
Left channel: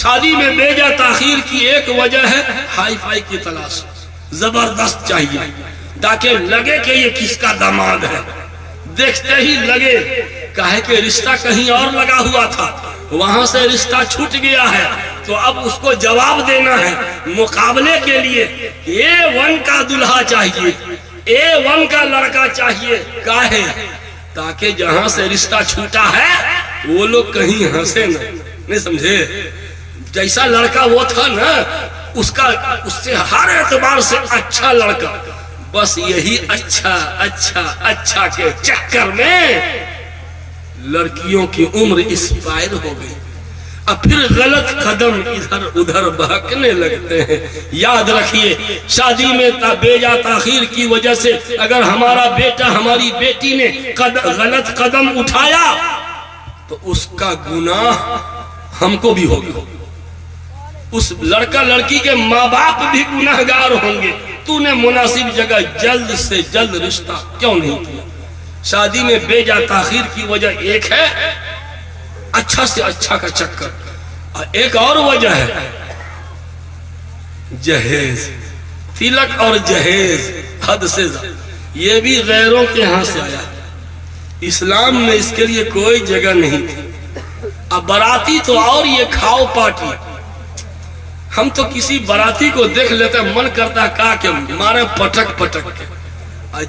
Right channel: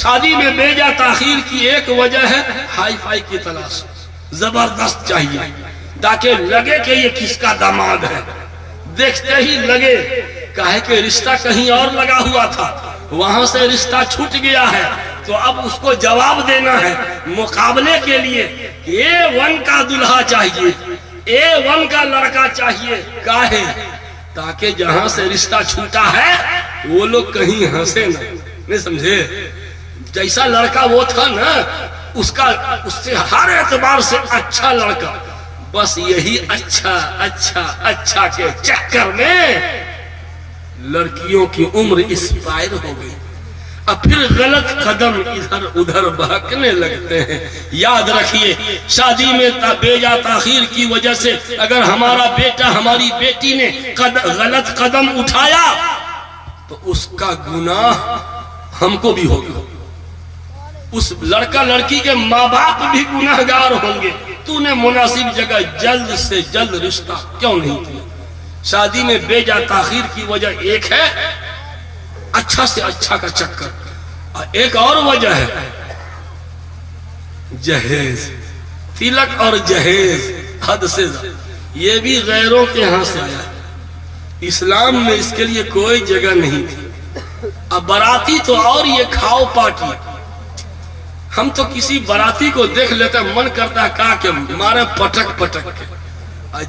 شادی میں بیجا تاخیر کی ایک وجہ ہے ہائی فائی کی تلاش، زبردست چاہیے تاکہ لگے کہ یہ کس کا داماد ہے. دیکھتے ہی لگے کہے کہ رشتہ کہیں اور لگا ہوا تھا، وہاں سے رشتہ چھوٹ گیا ہے، تو اب اس کو جواب دینا ہے. مقابلے کے لیے A1 کا دلہا چاہیے، A1 کا لڑکا چاہیے. کاہے؟ تاکہ جہاں سے رشتہ چھوٹا ہے وہ لوگ کہیں ہنسے نہ. نہیں سمجھے؟ جیسا لڑکا وہ تھا نا، اس سے ہر اعتبار سے اچھا لڑکا. بس یہی اچھا اچھا اچھا کے چکر میں لڑکیوں کی عمر اسپائر ہو گئی. اب پھر غلط قدم ادھر ادھر بہکنے لگتے ہیں. یاد رکھیے، شادی میں بیجا تاخیر کی وجہ سے اگر ہمارا بیٹا ہماری بیٹی نے غلط قدم اٹھایا تو اس کا گناہ ہم کو بھی ہوگا. اس لڑکا لڑکی کے ماں باپ بھی گناہگار ہوں گے. تو نے مناسب جگہ جلد سے جلد رشتہ کیوں نہیں کیا؟ شادی میں بیجا تاخیر کی وجہ ایک ہے اچھا سے اچھا کا چکر، ایک اور وجہ ہے جہیز، تلک اور جہیز حد سے زیادہ. یہ بھی غیروں کے ہاں سے آیا. اسلام میں اس کے لیے کوئی جگہ نہیں تھی. اب باراتی تو اور یہ کھاؤ پارٹی. ہم تو کسی باراتی کو دیکھ لیتے من کرتا ہے کہ مارے پٹک پٹک کے.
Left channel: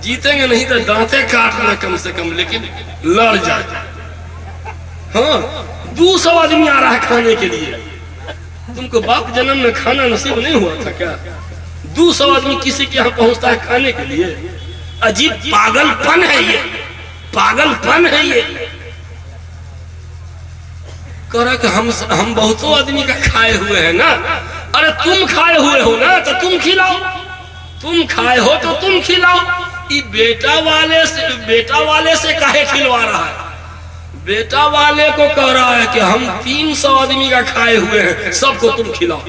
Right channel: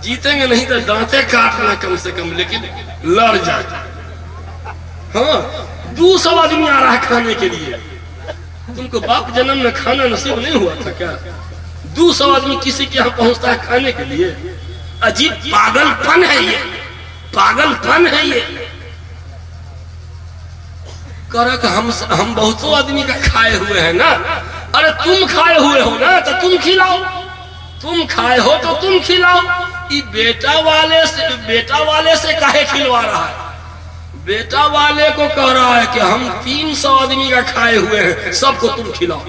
جیتیں گے نہیں تو دانتے کاٹنا کم سے کم، لیکن لڑ جاتے. ہاں 200 آدمی آ رہا ہے کھانے کے لیے. تم کو باپ جنم میں کھانا نصیب نہیں ہوا تھا کیا؟ 200 آدمی کسی کے یہاں پہنچتا ہے کھانے کے لیے. عجیب پاگل پن ہے یہ، پاگل پن ہے یہ. کہہ رہا کہ ہم بہتوں آدمی کا کھائے ہوئے ہیں نا. ارے تم کھائے ہوئے ہو نا تو تم کھلاؤ. تم کھائے ہو تو تم کھلاؤ. یہ بیٹا والے سے کہے کھلوا رہا ہے؟ بیٹا والے کو کہہ رہا ہے کہ ہم 300 آدمی کا کھائے ہوئے ہیں، سب کو تم کھلاؤ.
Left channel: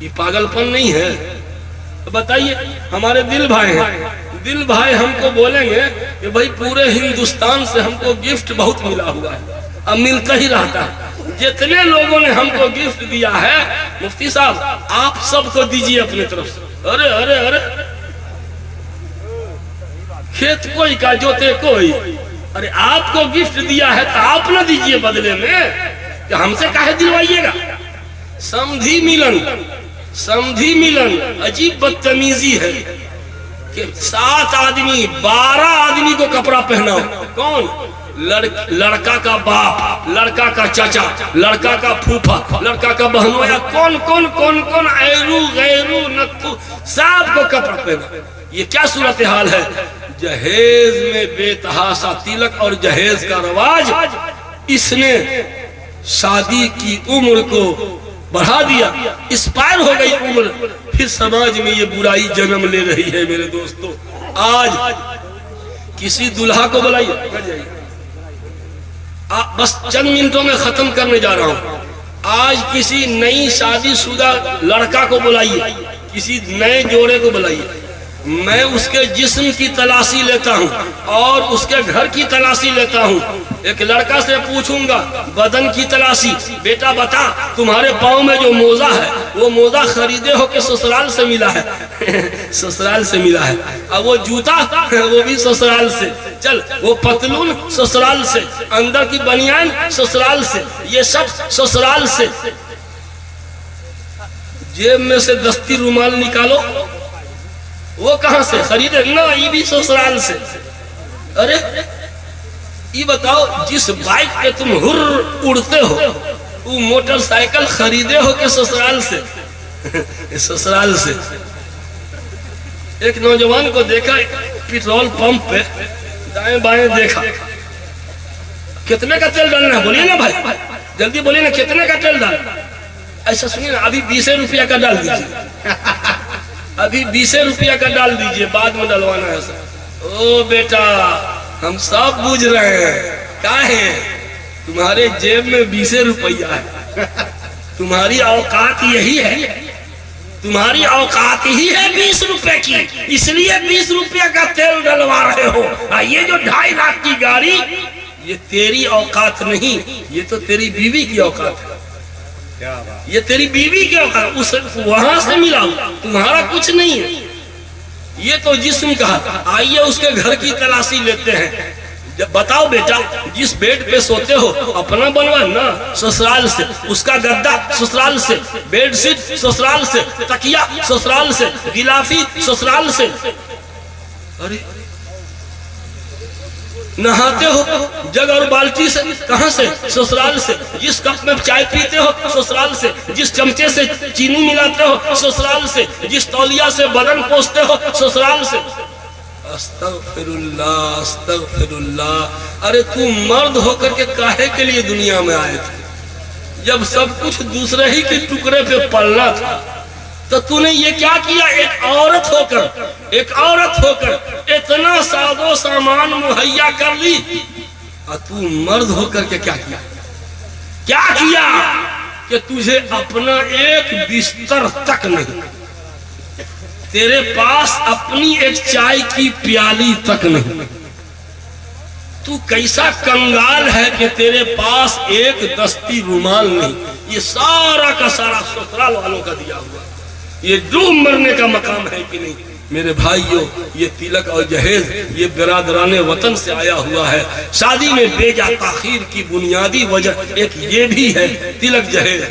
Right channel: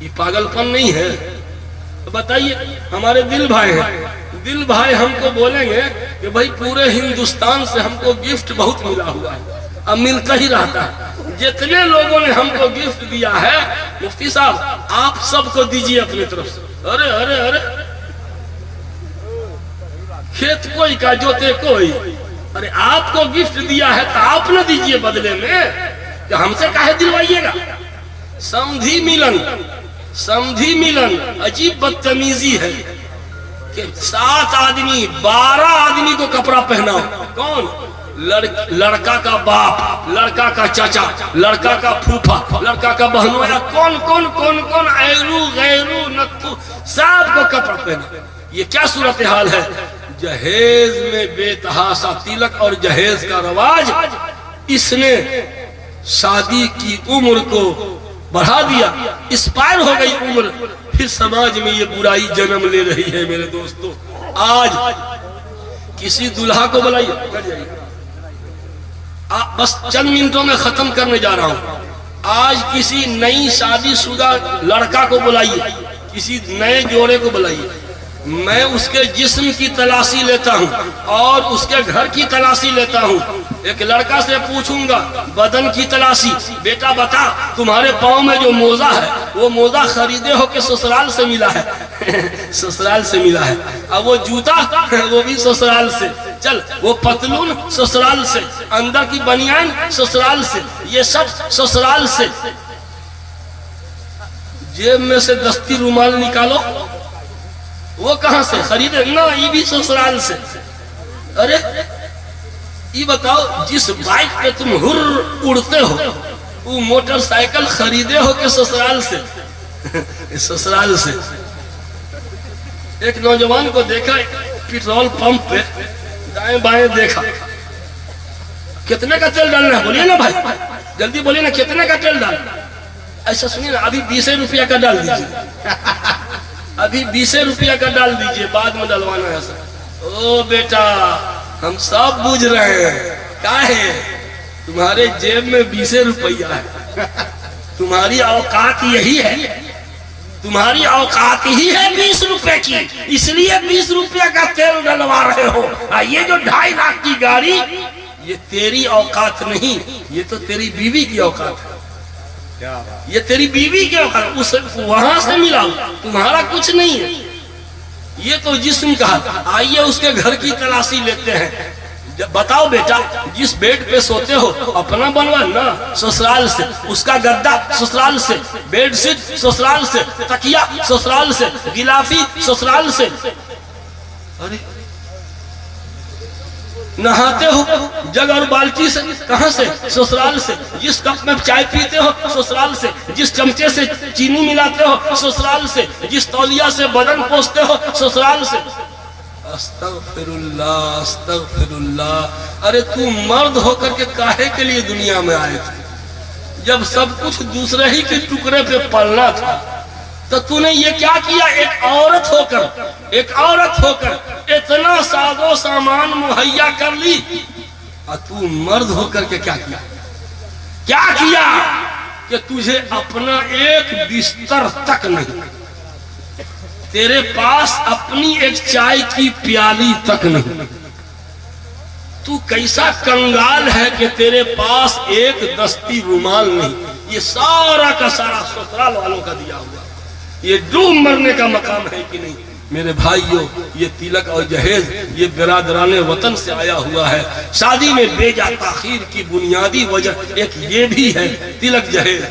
یہ پاگل پن نہیں ہے؟ بتائیے. ہمارے دل بھائی ہیں، دل بھائی ہم کو بولیں گے کہ بھائی پورے ہندوستان سے ہم کو گفٹ بہت ملا ہوا ہے، اب ملتا ہی رہتا ہے. جتنے لوگوں نے ہم کو گفٹ دیا ہے، مفتی صاحب آپ سب کو دیجیے اپنی طرف سے. ارے ارے ارے کھیت کوئی کا جوتے کوئی. ارے آپ کو گفٹ دیا ہے تو آپ نہ دیجیے بدلے میں، کہ ہم سے کہے دلوائیے گا. سمدھی ملن، سمدھی ملن عجیب بدتمیزی ہے کہ 7 آدمی 12 آدمی کو کپڑا پہنا. کون؟ لڑکا کا باپ، لڑکا کا چاچا، لڑکا کا پھوپھا، لڑکا کا بہنویا، کون کون کون کون ایرو غیرو نتو، سب کو کپڑا پہنا. یہ کیا صورتحال ہے؟ جہیز میں بے تحاشا تلک اور جہیز کا رواج، اس نے شادی کی عمر کو بڑھا دیا، اسپائر ہو گئی عمر. پھر سماج میں یہ برائی جنم لے رہی ہے. میرے دوستو، آج کسی دلہا کو بلائیے، بس چند منٹوں میں ختم کرنے جا رہا ہوں. آج کسی نئی شادی شدہ لڑکا کو بلائیے، کسی نئے جوڑے کو بلائیے. میں اس کے جسم کی تلاشی لیتا ہوں اور اس کے گھر کی تلاشی لیتا ہوں. ایک لڑکا سے پوچھوں گا بدن کی تلاشی، بیٹا بتا تمہارے پاؤں میں جو موزہ ہے وہ موزہ خریدے ہو کہ سسرال سے ملا ہے؟ سسرال سے ملا ہے. اب وہ جوتا وہ بھی سسرال سے. چل وہ پتلون سسرال سے، اندر کی بنیان سسرال سے، یہ سب سسرال سے. جیب میں سے دستی رومال نکالو، وہ کہاں سے خریدے؟ نا یہ بھی سسرال سے. ارے یہ بتاؤ جس بائک پہ تم ہر اڑتے ہو وہ موٹر سائیکل خریدے ہو کہ سسرال سے؟ سسرال سے. ایک نوجوان کو دیکھا پیٹرول پمپ پہ دائیں بائیں دیکھا، کتنے کا تیل ڈالنا ہے بولیے نا بھائی، جلدی بولیے نا کتنے کا تیل ڈالنا؟ ایسا سنیے نا، ابھی 20 روپیہ کا ڈال دیجیے، ابھی 20 روپیہ کا ڈال دیجیے، بعد میں ڈلوانا ہے سر۔ او بیٹا ہم سب بوجھ رہے ہیں، کیا ہے تمہارے جیب میں 20 روپیہ ہے، تمہاری اوقات یہی ہے، تمہاری اوقات ہی ہے 20 روپے کی، اس لیے 20 روپیہ کا تیل ڈلوا رہے ہو۔ یہ جو 2.5 لاکھ کی گاڑی، یہ تیری اوقات نہیں، یہ تو تیری بیوی کی اوقات ہے، یہ تیری بیوی کی اوقات، اس وہاں سے ملا، تمہارا کچھ نہیں ہے۔ یہ تو جسم کا، آئیے اس کے گھر کی تلاشی لیتے ہیں۔ بتاؤ بیٹا، جس بیڈ پہ سوتے ہو اپنا بنوانا سسرال سے، اس کا گدا سسرال سے، بیڈ شیٹ سسرال سے، تکیا سسرال سے، غلافی سسرال سے۔ ارے نہاتے ہو جگ اور بالٹی سے، کہاں سے؟ سسرال سے۔ جس کپ میں چائے پیتے ہو سسرال سے، جس چمچے سے چینی ملاتے ہو سسرال سے، جس تولیہ سے بدن پوچھتے ہو سسرال سے۔ استغفر اللہ استغفر اللہ۔ ارے تو مرد ہو کر کے کاہے کے لیے دنیا میں آئے تھے؟ جب سب کچھ دوسرے ہی کے ٹکڑے پہ پلنا تھا تو تو نے یہ کیا کیا؟ ایک عورت ہو کر اتنا ساز و سامان مہیا کر لی، اور تو مرد ہو کر کے کیا کیا کہ تجھے اپنا ایک بستر تک نہیں، تیرے پاس اپنی ایک چائے کی پیالی تک نہیں۔ تو کیسا کنگال ہے کہ تیرے پاس ایک دستی رومال نہیں۔ یہ سارا کا سارا سسرال والوں کا دیا ہوا، یہ ڈوب مرنے کا مقام ہے کہ نہیں؟ میرے بھائیوں، یہ تلک اور جہیز یہ برادران وطن سے آیا ہوا ہے۔ شادی میں بیجا تاخیر کی بنیادی وجہ ایک یہ بھی ہے، تلک جہیز۔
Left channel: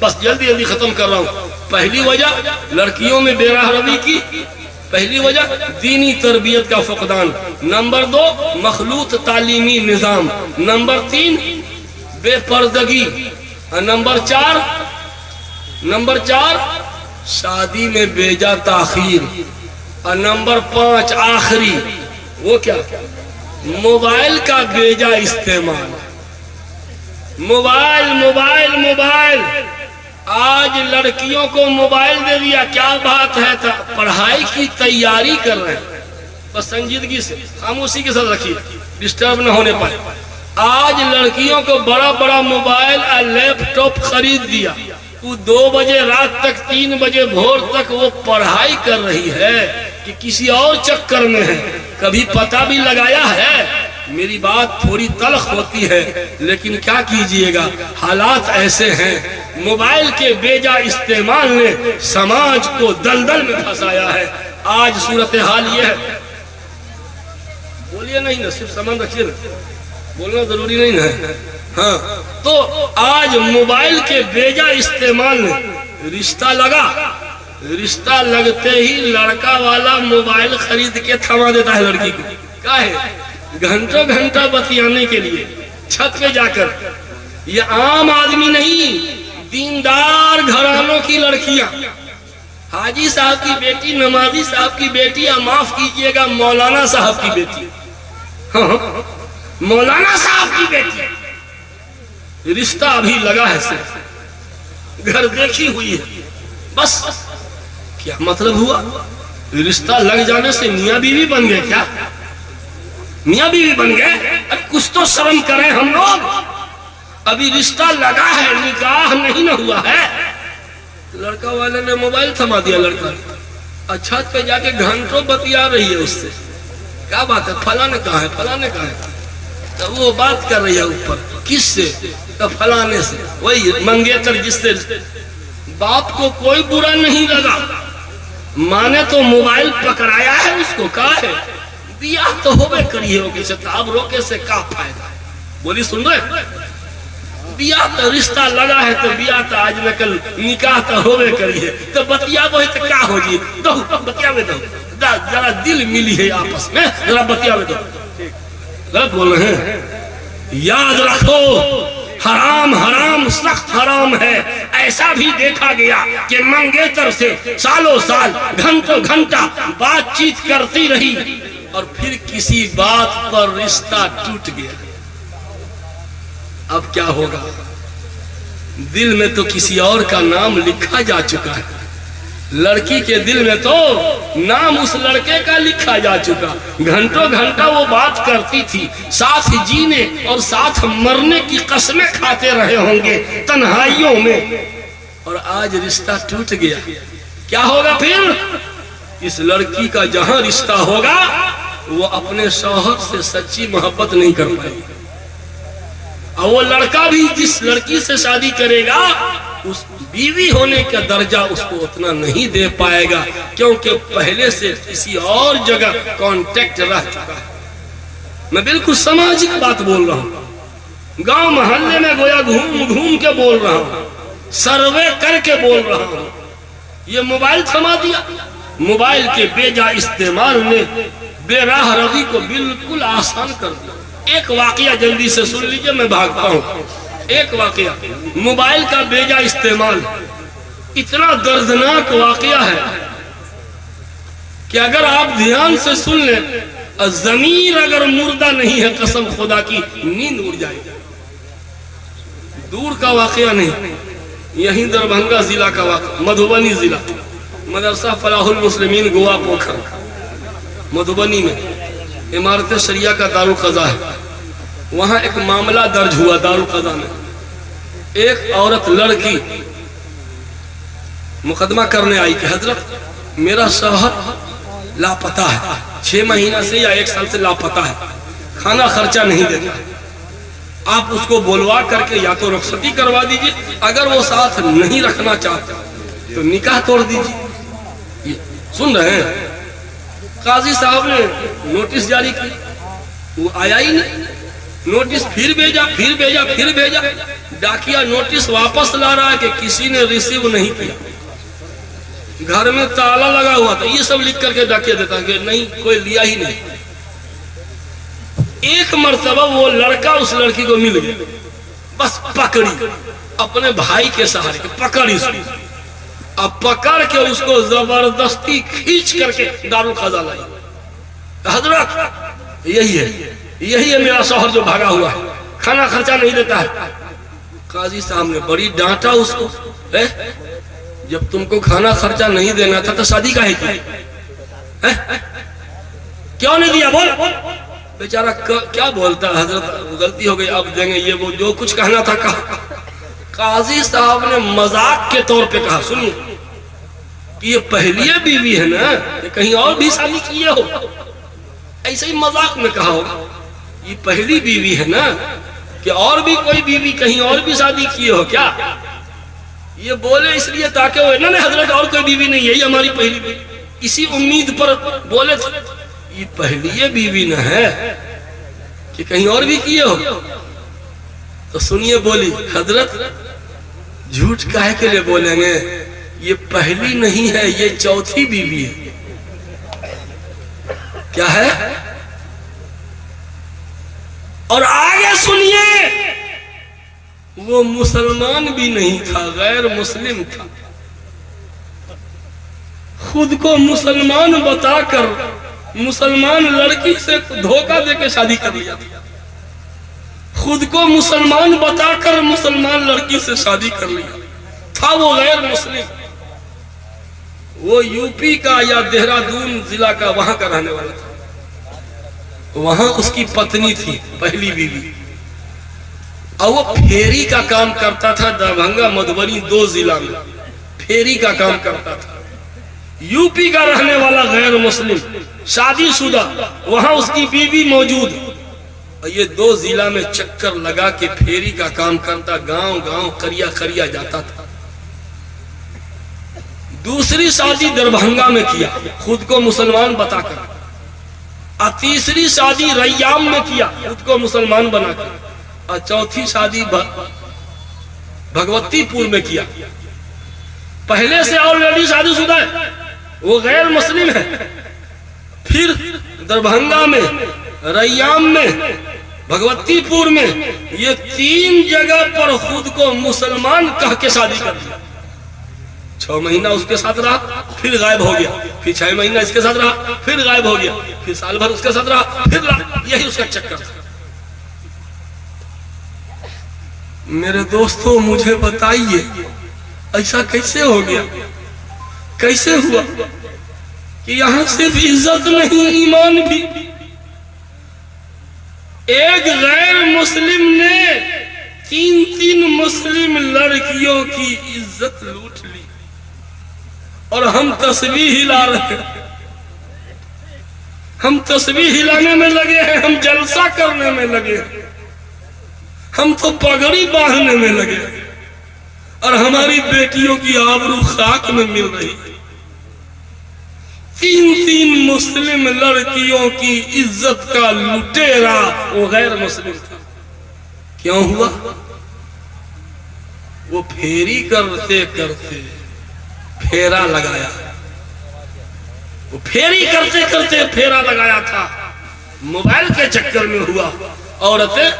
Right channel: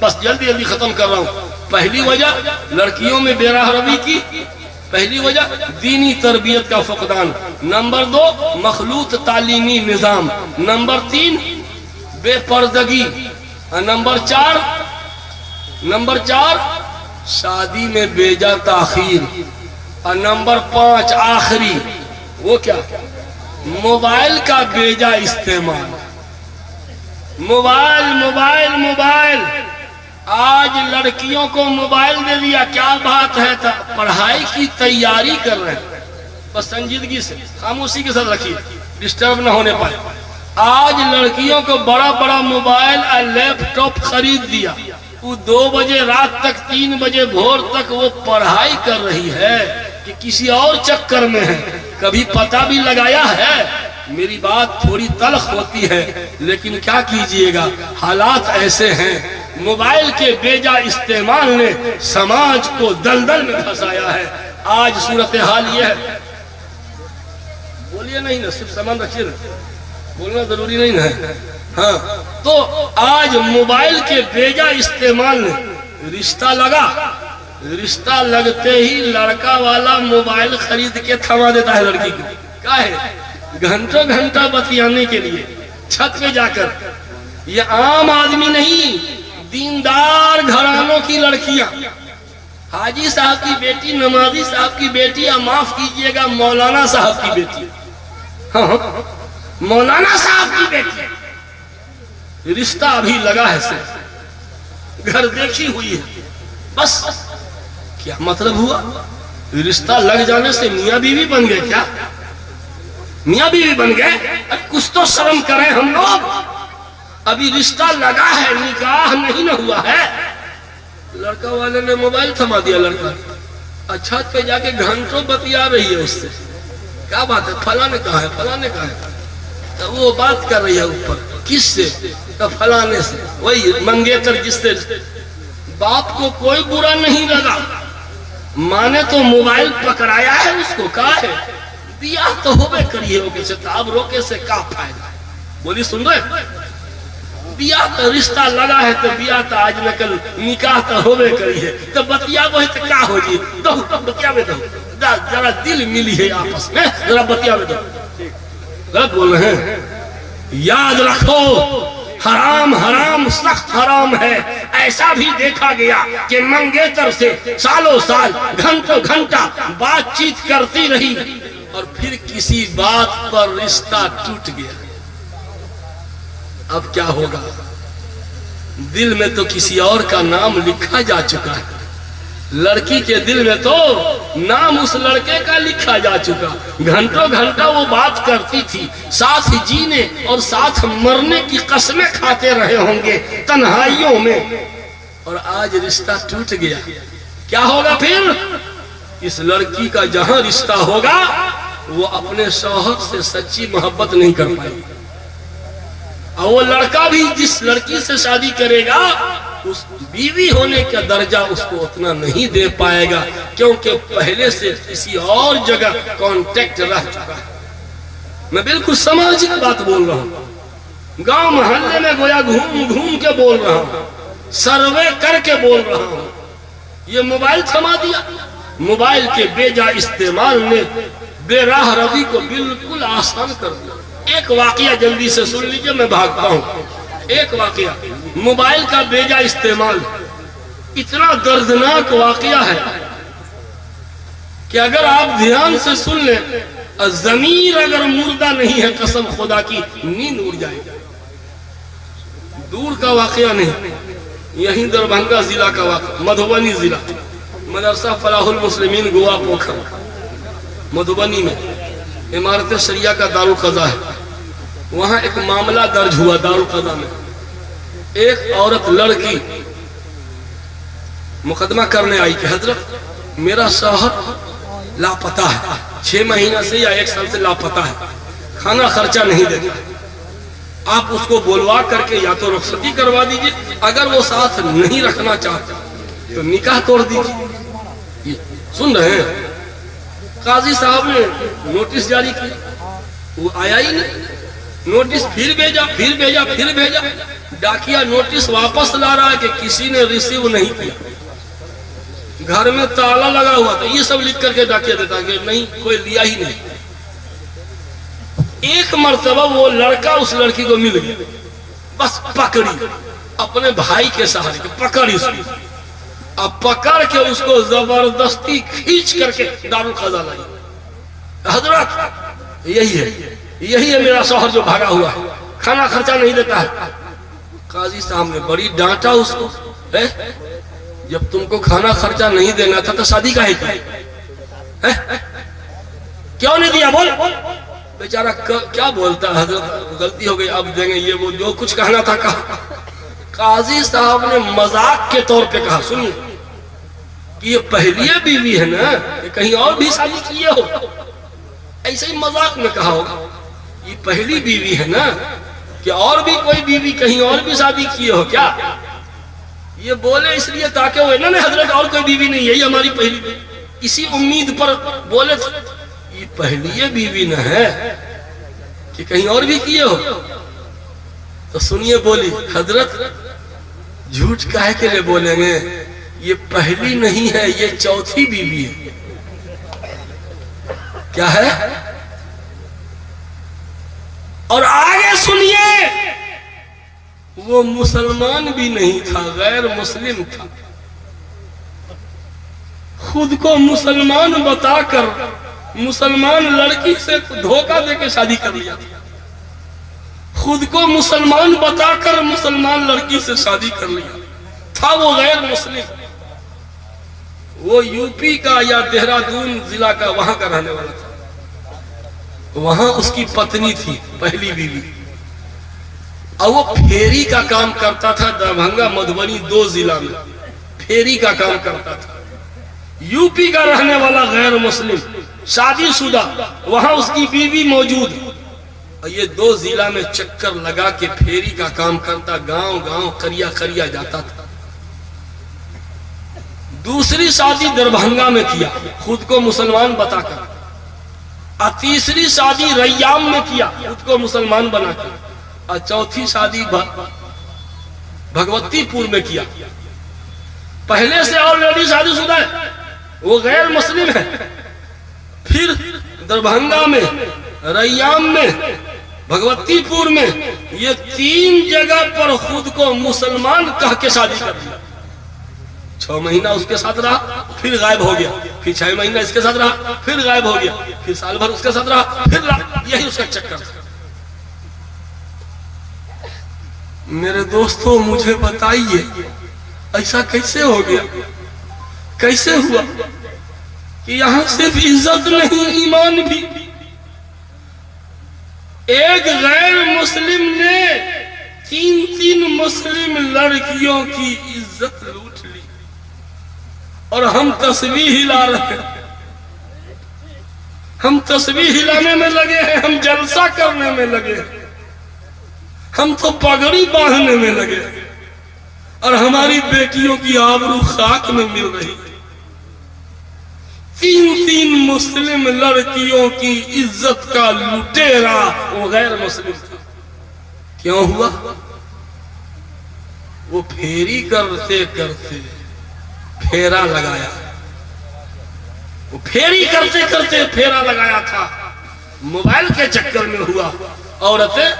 بس جلدی ختم کر رہا ہوں۔ پہلی وجہ لڑکیوں میں بے راہ روی کی، پہلی وجہ دینی تربیت کا فقدان، نمبر 2 مخلوط تعلیمی نظام، نمبر 3 بے پردگی، اور نمبر 4 شادی میں بیجا تاخیر، اور نمبر 5 آخری وہ کیا؟ موبائل کا بیجا استعمال۔ موبائل آج لڑکیوں کو موبائل دے دیا، کیا بات ہے؟ پڑھائی کی تیاری کر رہے ہیں، بس سنجیدگی سے خاموشی کے ساتھ رکھیے، ڈسٹرب نہ ہونے پائے۔ آج لڑکیوں کو بڑا موبائل اور لیپ ٹاپ خرید دیا، وہ 2 بجے رات تک 3 بجے بھور تک وہ پڑھائی کر رہی ہے کہ کسی اور چکر میں ہے، کبھی پتہ بھی لگایا ہے؟ میری بات تھوڑی تلخ ہوتی ہے لیکن کیا کیجئے گا، حالات ایسے ہیں۔ موبائل کے بیجا استعمال نے سماج کو دلدل میں پھنسایا ہے۔ آج صورتحال یہ ہے، بولیے نہیں نا، صرف سامان رکھیے نا، بولنا ضروری نہیں ہے۔ ہاں تو آج موبائل کے بیجا استعمال نے رشتہ لگتے ہی لڑکا والا موبائل خرید کے تھما دیتا ہے لڑکی کو، کیا ہے؟ گھنٹہ بتیانے کے لیے چھت پہ جا کر۔ یہ عام آدمی نہیں، دیندار گھرانوں کی لڑکیاں، حاجی صاحب کی بیٹی، نمازی صاحب کی بیٹی، یا معاف کیجئے گا مولانا صاحب کی بیٹی، مولانا صاحب کی بیٹی، رشتہ ابھی لگا ہے، صرف گھر دیکھی ہوئی ہے، بس کیا مطلب ہوا؟ رشتہ لگ جانے سے میاں بیوی بن گئے؟ کیا میاں بیوی بن گئے؟ کچھ تو شرم کریں ہم لوگ، ابھی رشتہ لگا ہے، نکاح نہیں نہ ہوا ہے۔ لڑکا والے نے موبائل تھما دیا، لڑکا چھت پہ جا کے گھنٹوں بتیا رہی ہے اس سے، کیا بات ہے؟ فلاں نے کہا ہے، فلاں نے کہا ہے، تو وہ بات کر رہی ہے اوپر، کس سے؟ تو فلانے سے، وہی منگیتر جس سے باپ کو کوئی برا نہیں لگا، ماں نے تو موبائل پکڑایا ہے اس کو، کہا ہے بیاہ تو ہوئے کری ہے، وہ کسی اب روکے سے کیا فائدہ؟ بولی سن رہے؟ بیاہ تو رشتہ لگا ہے تو بیاہ تو آج نکل نکاح تو ہوئے کری ہے، تو بتیا وہ ہے تو کیا ہو جی؟ دو بتیا میں دو، ذرا دل ملی ہے آپس میں، ذرا بتیا میں دو۔ غلط بول رہے ہیں، یاد رکھو حرام سخت حرام ہے۔ ایسا بھی دیکھا گیا کہ منگیتر سے سالوں سال گھنٹوں گھنٹہ بات چیت کرتی رہی، اور پھر کسی بات پر رشتہ ٹوٹ گیا، اب کیا ہوگا؟ دل میں تو کسی اور کا نام لکھا جا چکا ہے، لڑکی کے دل میں تو نام اس لڑکے کا لکھا جا چکا، گھنٹوں گھنٹہ وہ بات کرتی تھی، ساتھ جینے اور ساتھ مرنے کی قسمیں کھاتے رہے ہوں گے تنہائیوں میں، اور آج رشتہ ٹوٹ گیا، کیا ہوگا پھر؟ اس لڑکی کا جہاں رشتہ ہوگا وہ اپنے شوہر سے سچی محبت نہیں کر پائے گی، اور وہ لڑکا بھی جس لڑکی سے شادی کرے گا اس بیوی ہونے کا درجہ اس کو اتنا نہیں دے پائے گا، کیونکہ پہلے سے کسی اور جگہ کانٹیکٹ رہ چکا ہے۔ میں بالکل سماجک بات بول رہا ہوں، گاؤں محلے میں گویا گھوم گھوم کے بول رہا ہوں، سروے کر کے بول رہا ہوں۔ یہ موبائل تھما دیا، موبائل کے بے جا استعمال نے بے راہ روی کو بالکل آسان کر دیا۔ ایک واقعہ جلدی سے سن لیجئے، میں بھاگتا ہوں۔ ایک واقعہ، موبائل کا بے جا استعمال اتنا دردناک واقعہ ہے کہ اگر آپ دھیان سے سن لیں، ضمیر اگر مردہ نہیں ہے قسم خدا کی نیند اڑ جائے گا۔ دور کا واقعہ نہیں، یہیں دربھنگا ضلع کا واقعہ، مدھوبنی ضلع، مدرسہ فلاح المسلمین گوا پوکھر مدھوبنی میں عمارت شریعہ کا دارالقضا ہے، وہاں ایک معاملہ درج ہوا دارالقضا میں۔ ایک عورت لڑکی مقدمہ کرنے آئی کہ حضرت میرا شوہر لاپتہ ہے، 6 مہینہ سے یا 1 سال سے لاپتہ ہے، کھانا خرچہ نہیں دیتا، آپ اس کو بولوا کر کے یا تو رخصتی کروا دیجئے، اگر وہ ساتھ نہیں رکھنا چاہتا تو نکاح توڑ دیجئے۔ سن رہے ہیں؟ قاضی صاحب نے نوٹس جاری کی، وہ آیا ہی نہیں، نوٹس پھر بھیجا، ڈاکیا نوٹس واپس لا رہا ہے کہ کسی نے ریسیو نہیں کیا، گھر میں تالا لگا ہوا تھا، یہ سب لکھ کر کے ڈاکیا دیتا کہ نہیں کوئی لیا ہی نہیں۔ ایک مرتبہ وہ لڑکا اس لڑکی کو مل گیا، بس پکڑی، اپنے بھائی کے سہارے پکڑی، اب پکڑ کے اس کو زبردستی کھینچ کر کے دارالقضا لائی۔ حضرت یہی ہے میرا شوہر جو بھاگا ہوا ہے، کھانا خرچہ نہیں دیتا ہے۔ قاضی صاحب نے بڑی ڈانٹا اس کو، جب تم کو کھانا خرچہ نہیں دینا تھا تو شادی کا ہے کیوں نہیں دیا؟ بول بیچارہ کیا بولتا ہے؟ حضرت غلطی ہو گئی، اب دیں گے، یہ وہ جو کچھ کہنا تھا کہا۔ قاضی صاحب نے مذاق کے طور پہ کہا، سنیے کہ یہ پہلی بیوی ہے نا، کہ کہیں اور بھی شادی کیے ہو؟ ایسے ہی مذاق میں کہا ہوگا، یہ پہلی بیوی ہے نا، کہ اور بھی کوئی بیوی کہیں اور بھی شادی کیے ہو کیا؟ یہ بولے اس لیے تاکہ وہ نہیں حضرت اور کوئی بیوی نہیں ہے، یہ ہماری پہلی بیوی، اسی امید پر بولے تھے یہ پہلی بیوی نہ ہے کہ کہیں اور بھی کیے ہو۔ تو سنیے بولی، حضرت جھوٹ کاہے کے لئے بولیں گے، یہ پہلی نہیں ہے، یہ چوتھی بیوی ہے۔ کیا ہے؟ اور آگے سنیے، وہ مسلمان بھی نہیں تھا، غیر مسلم تھا، خود کو مسلمان بتا کر مسلمان لڑکی سے دھوکہ دے کے شادی کر لیا، خود کو مسلمان بتا کر مسلمان لڑکی سے شادی کر لیا تھا، وہ غیر مسلم، وہ یو پی کا یا دہرادون ضلع کا وہاں کا رہنے والا تھا، وہاں اس کی پتنی تھی پہلی بیوی، اور وہ پھیری کا کام کرتا تھا، دربھنگا مدھوبنی 2 ضلع میں پھیری کا کام کرتا تھا، یو پی کا رہنے والا غیر مسلم، شادی شدہ، وہاں اس کی بیوی موجود، اور یہ 2 ضلع میں چکر لگا کے پھیری کا کام کرتا، گاؤں گاؤں قریہ قریہ جاتا تھا۔ دوسری شادی دربھنگا میں کیا خود کو مسلمان بتا کر، اور تیسری شادی ریام میں کیا خود کو مسلمان بنا کر، اور چوتھی شادی بھگوتی پور میں کیا۔ پہلے سے آلریڈی شادی شدہ ہے، وہ غیر مسلم ہے، پھر دربھنگا میں، ریام میں، بھگوتی پور میں، یہ 3 جگہ پر خود کو مسلمان کہہ کے شادی کر دیا۔ 6 مہینہ اس کے ساتھ رہا، پھر غائب ہو گیا، پھر 6 مہینہ اس کے ساتھ رہا، پھر غائب ہو گیا، پھر سال بھر اس کے ساتھ رہا، پھر یہی اس کا چکر تھا۔ میرے دوستوں مجھے بتائیے ایسا کیسے ہو گیا، کیسے ہوا کہ یہاں صرف عزت نہیں ایمان بھی۔ ایک غیر مسلم نے 3 مسلم لڑکیوں کی عزت لوٹ لی اور ہم تسبیح ہلا رہے ہیں، ہم تسبیح ہلانے میں لگے ہیں، ہم جلسہ کرنے میں لگے ہیں، ہم تو پگڑی باندھنے میں لگے ہیں اور ہماری بیٹیوں کی آبرو خاک میں مل رہی ہے۔ 3 مسلم لڑکیوں کی عزت کا لٹیرا وہ غیر مسلم تھا۔ کیوں ہوا؟ وہ پھیری کرتے کرتے پھیرا لگایا، وہ پھیری کرتے کرتے پھیرا لگایا تھا، موبائل کے چکر میں ہوا۔ عورتیں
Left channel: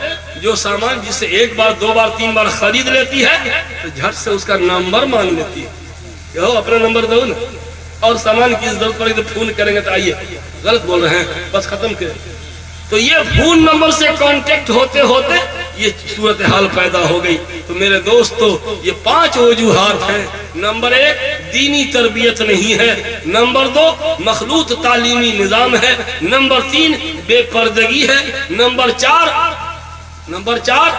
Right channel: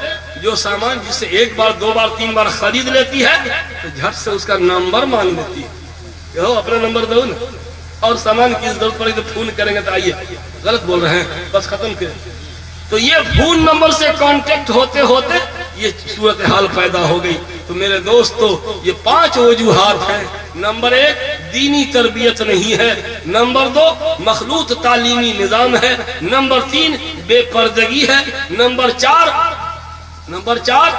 جو سامان جسے 1 بار 2 بار 3 بار خرید لیتی ہے تو جھٹ سے اس کا نمبر مانگ لیتی ہے کہ ہو اپنا نمبر دو نا، اور سامان کی ضرورت پڑے تو فون کریں گے تو آئیے، غلط بول رہے ہیں بس ختم کریں۔ تو یہ فون نمبر سے کانٹیکٹ ہوتے ہوتے یہ صورتحال پیدا ہو گئی۔ تو میرے دوستو یہ 5 وجوہات ہیں۔ نمبر 1 دینی تربیت نہیں ہے، نمبر 2 مخلوط تعلیمی نظام ہے، نمبر 3 بے پردگی ہے، نمبر 4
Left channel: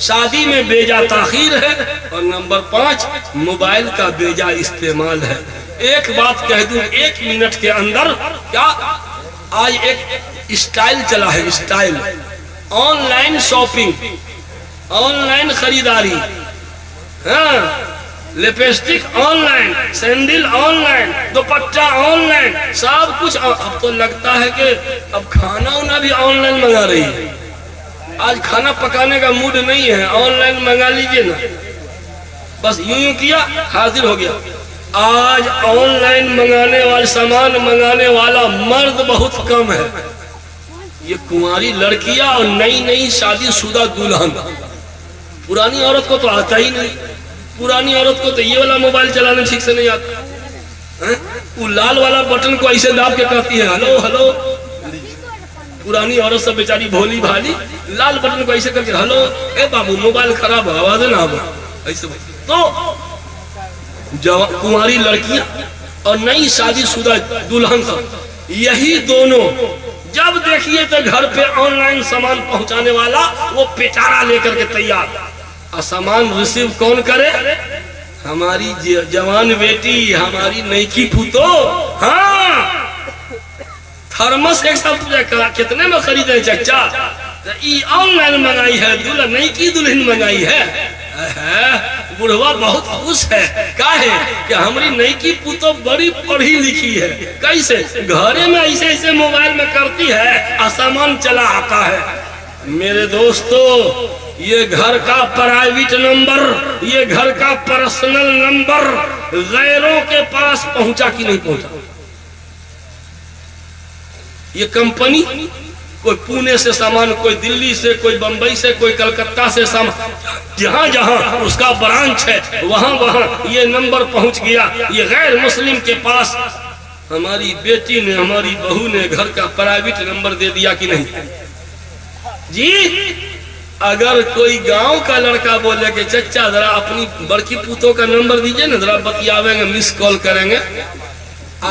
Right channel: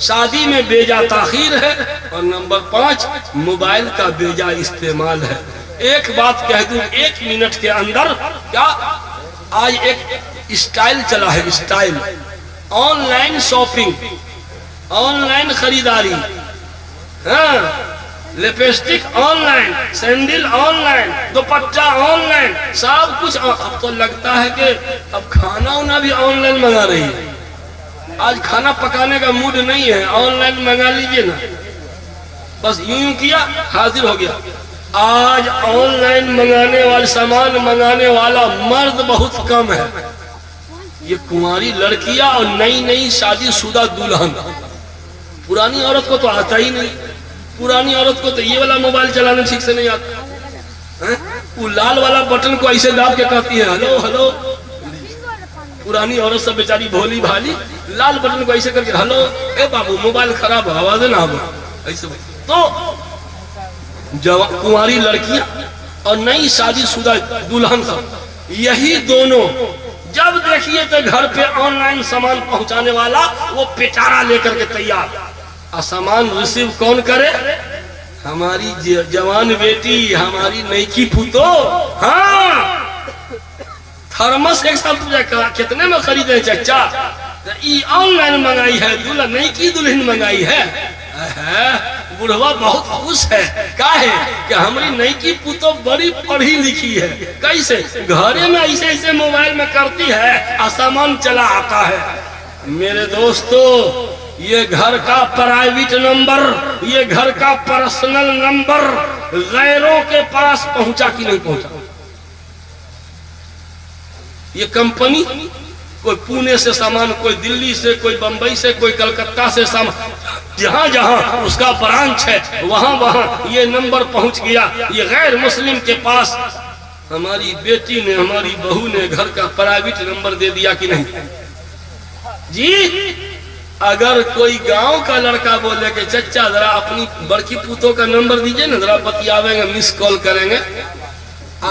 شادی میں بیجا تاخیر ہے، اور نمبر 5 موبائل کا بیجا استعمال ہے۔ ایک بات کہہ دوں 1 منٹ کے اندر، کیا آج ایک اسٹائل چلا ہے، style online shopping, online خریداری، ہاں lipstick online, sandal online, دوپٹہ آن لائن، سب کچھ۔ اب تو لگتا ہے کہ اب کھانا وانا بھی آن لائن منگا رہی ہے۔ آج کھانا پکانے کا موڈ نہیں ہے، آن لائن منگا لیجئے نا، بس یوں کیا حاضر ہو گیا۔ آج آن لائن منگانے والے سامان منگانے والا مرد بہت کم ہے، یہ کنواری لڑکیاں اور نئی شادی شدہ دلہن۔ پرانی عورت کو تو آتا ہی نہیں، پرانی عورت کو تو یہ والا موبائل چلانا ٹھیک سے نہیں آتا، وہ لال والا بٹن کو ایسے داب کے کہتی ہے ہلو ہلو۔ پرانی عورت سب بیچاری بھولی بھالی لال بٹن کو ایسے کر کے ہلو، اے بابو موبائل خراب ہے آواز نہ آو ایسے۔ تو کنواری لڑکیاں اور نئی شادی شدہ دلہن سب، یہی دونوں جب دیکھیے تو گھر پہ آن لائن سامان پہنچانے والا وہ پیٹارا لے کر کے تیار، اور سامان ریسیو کون کرے؟ ہماری جوان بیٹی، ہماری نیکی پھوتو۔ ہاں تھرمس ایک ساتھ کتنے میں خریدے چچا؟ آن لائن منگائی ہے، نیکی دلہن منگائی ہے۔ بڑھوا بہت خوش ہے، کاہے کہ ہماری نیکی پوتو بڑی پڑھی لکھی ہے، کیسے گھرے میں ایسے موبائل میں کرتی ہے، سامان چلا آتا ہے۔ میرے دوستو یہ گھر کا پرائیویٹ نمبر، یہ گھر کا پرسنل نمبر غیروں کے پاس پہنچا کہ نہیں پہنچا؟ یہ کمپنی کوئی پونے سے سامان، کوئی دلی سے، کوئی بمبئی سے، کوئی کلکتہ سے سامان، جہاں جہاں اس کا برانچ ہے وہاں یہ نمبر پہنچ گیا، یہ غیر مسلم کے پاس۔ ہماری بیٹی نے، ہماری بہو نے گھر کا پرائیویٹ نمبر دے دیا کہ نہیں؟ جی اگر کوئی گاؤں کا لڑکا بولے کہ چچا ذرا اپنی بڑکی پوتوں کا نمبر دیجئے نا، ذرا بتیاویں گے، مس کال کریں گے،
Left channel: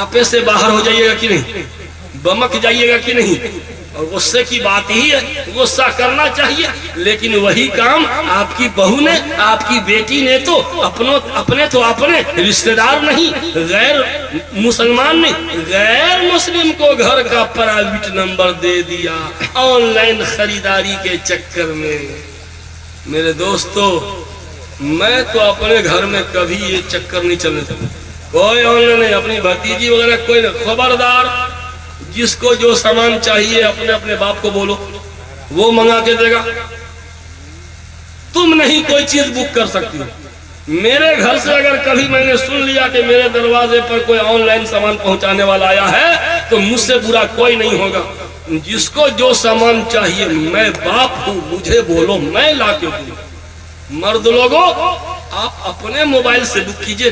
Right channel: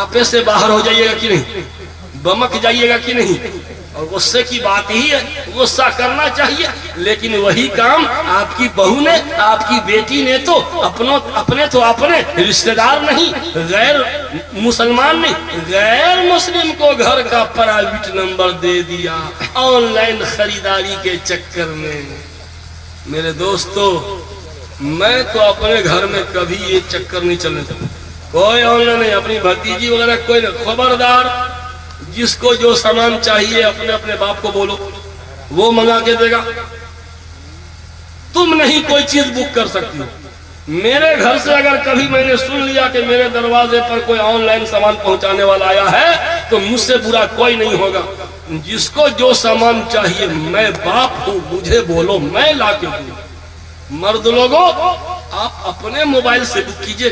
آپے سے باہر ہو جائیے گا کہ نہیں؟ بمک جائیے گا کہ نہیں؟ اور غصے کی بات ہی ہے، غصہ کرنا چاہیے، لیکن وہی کام آپ کی بہو نے، آپ کی بیٹی نے تو اپنے رشتہ دار نہیں، غیر مسلمان نے غیر مسلم کو گھر کا پرائیویٹ نمبر دے دیا آن لائن خریداری کے چکر میں۔ میرے دوستو میں تو اپنے گھر میں کبھی یہ چکر نہیں چلنے دیتا، کوئی آن لائن نہیں، اپنی بھتیجی وغیرہ کوئی نہیں۔ خبردار، جس کو جو سامان چاہیے اپنے باپ کو بولو، وہ منگا کے دے گا۔ تم نہیں کوئی چیز بک کر سکتی۔ میرے گھر سے اگر کبھی میں نے سن لیا کہ میرے دروازے پر کوئی آن لائن سامان پہنچانے والا آیا ہے تو مجھ سے برا کوئی نہیں ہوگا۔ جس کو جو سامان چاہیے، میں باپ ہوں، مجھے بولو، میں لا کے دوں۔ مرد لوگوں آپ اپنے موبائل سے بک کیجئے،